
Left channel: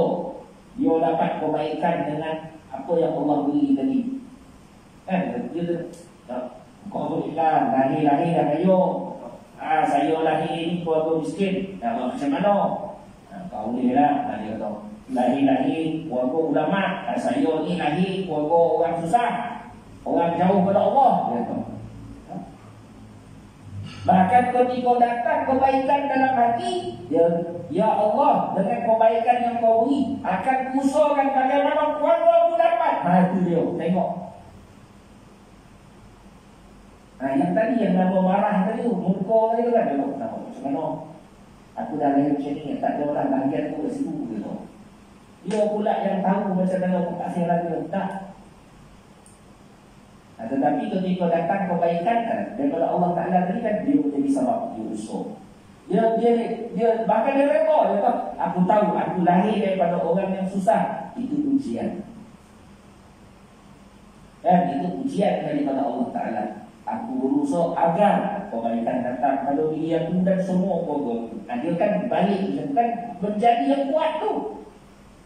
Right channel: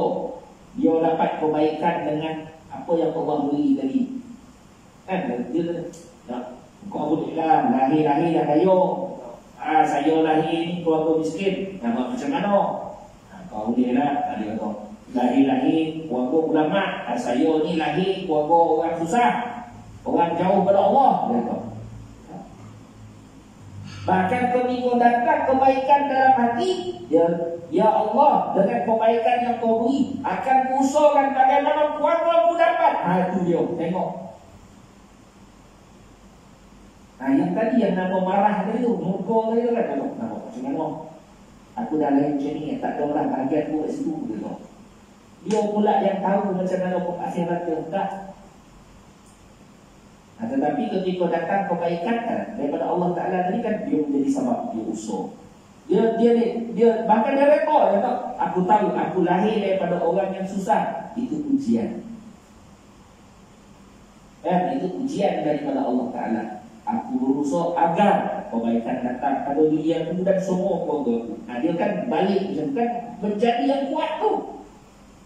dia dapat kebaikan dengan apa yang Allah beri tadi. Kan dia kau bolehlah lahir-lahir dah ayo. Saya lahir ni keluarga miskin. Macam mana? Kau bolehlah. Dia kata lahir-lahir keluarga ulama. Saya ni lahir keluarga orang susah, orang jauh pada Allah. Bahkan ketika datang kebaikan dalam hati, ya Allah, dengan kebaikan yang kau beri, akan kuusahakan bagaimana keluarga aku dapat. Itu dia, tengok. Yang tadi yang nama marah tadi, murka tadi kan, macam mana? Aku dah lahir macam ni, tak ada orang bahagian aku kat situ gitu. Dia pula yang tahu macam mana akhirat dia. Tak. Tetapi ketika datang kebaikan kan daripada Allah Ta'ala tadi kan, dia menjadi sebab dia usaha. Dia bahkan dia rekod, dia kata, aku tahu aku lahir daripada orang yang susah. Itu ujian. Itu ujian daripada Allah Ta'ala. Aku berusaha agar kebaikan datang pada diri aku dan semua keluarga aku. Dia kan balik kan menjadi yang kuat tu.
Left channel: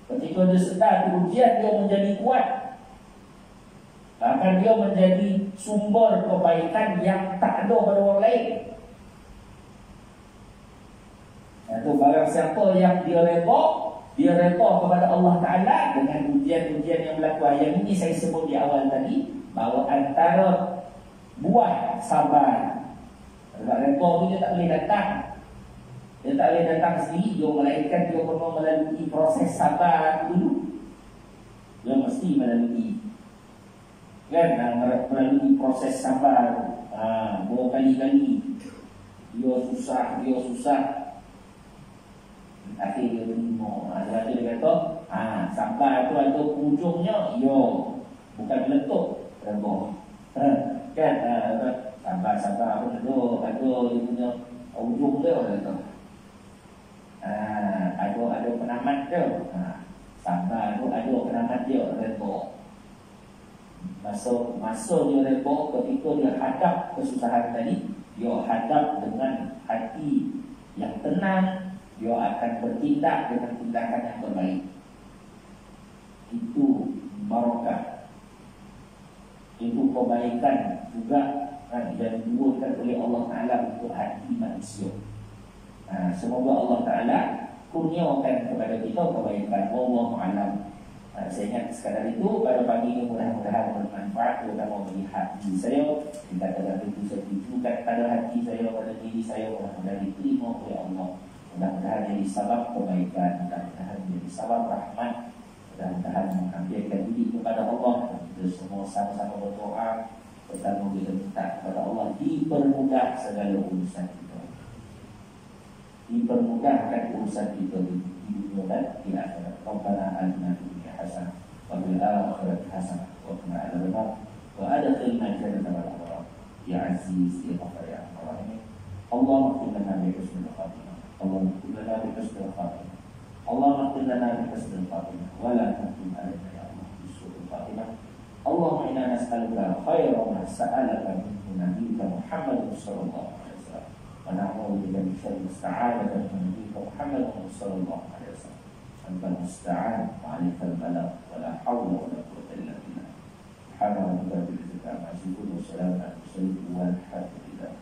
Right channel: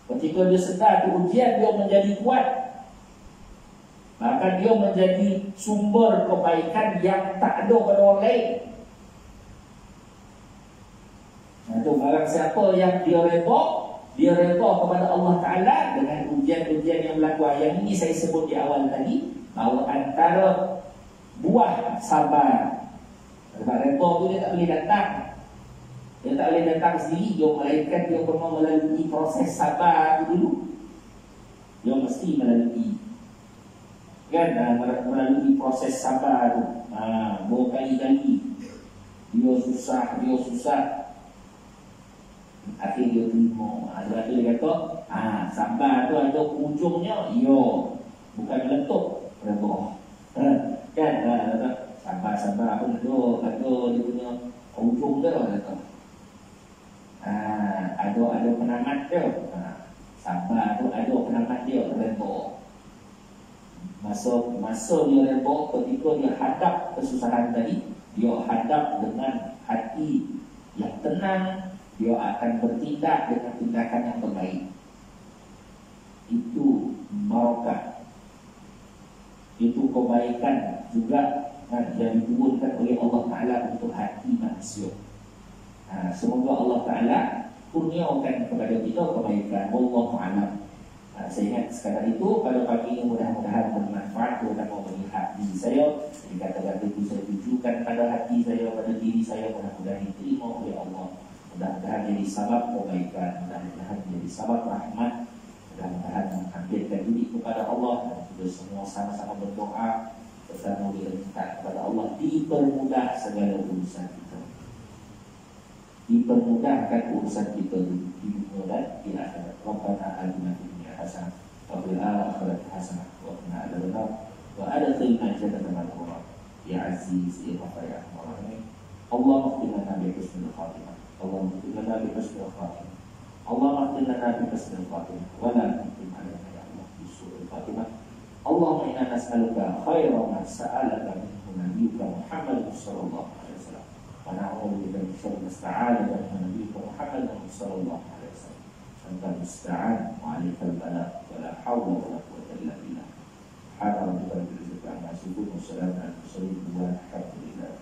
Ketika dia sedar tu ujian, dia menjadi kuat. Bahkan dia menjadi sumber kebaikan yang tak ada pada orang lain. Itu barang siapa yang dia redha kepada Allah Ta'ala dengan ujian-ujian yang berlaku. Yang ini saya sebut di awal tadi, bahawa antara buah sabar. Sebab redha tu dia tak boleh datang. Dia tak boleh datang sendiri. Dia melainkan dia perlu melalui proses sabar dulu. Dia mesti melalui melalui proses sabar. Berkali-kali dia susah. Akhir dia terima. Sebab tu dia kata sabar tu ada ujungnya. Bukan meletup redha. Sabar pun ada dia punya ujung dia kata. Ada penamat dia. Sabar tu ada penamat dia, redha. Masa dia redha, ketika dia hadap kesusahan tadi, dia hadap dengan hati yang tenang, dia akan bertindak dengan tindakan yang terbaik. Itu barakah. Itu kebaikan juga yang diturunkan oleh Allah Ta'ala untuk hati manusia. Semoga Allah Ta'ala kurniakan kepada kita kebaikan. Wallahu a'lam. Saya ingat sekadar itu pada pagi ini mudah-mudahan bermanfaat terutama bagi hati saya. Kata-kata itu saya tujukan pada hati saya, pada diri saya, mudah-mudahan diterima oleh Allah. Mudah-mudahan jadi sabab kebaikan, mudah-mudahan jadi sabab rahmat, mudah-mudahan menghampirkan diri kepada Allah. Dan kita semua sama-sama berdoa pertama kita minta kepada Allah dipermudah segala urusan kita, dipermudahkan urusan kita di dunia dan di akhirat. Rabbana atina fid dunya hasanah wa fil akhirati hasanah wa qina adzabannar wa adkhilna jannata al-abrar ya aziz ya ghafar ya rahim. Allahumma qina lana bi husnil khatimah, Allahumma qina lana bi husnil khatimah, Allahumma qina lana bi husnil khatimah wa la tuqim alaina ya Allah bi su'il khatimah. Allahumma inna nas'aluka khairan ma sa'alaka minhu nabiyyuka Muhammad sallallahu alaihi wasallam wa na'udzu bika min syarri ma sta'adaka minhu nabiyyuka Muhammad sallallahu alaihi wasallam. Anta musta'an wa 'alaikal balagh wa la hawla wa la quwwata illa billah. Subhana rabbika rabbil izzati amma yasifun wa salamun alal mursalin walhamdulillah.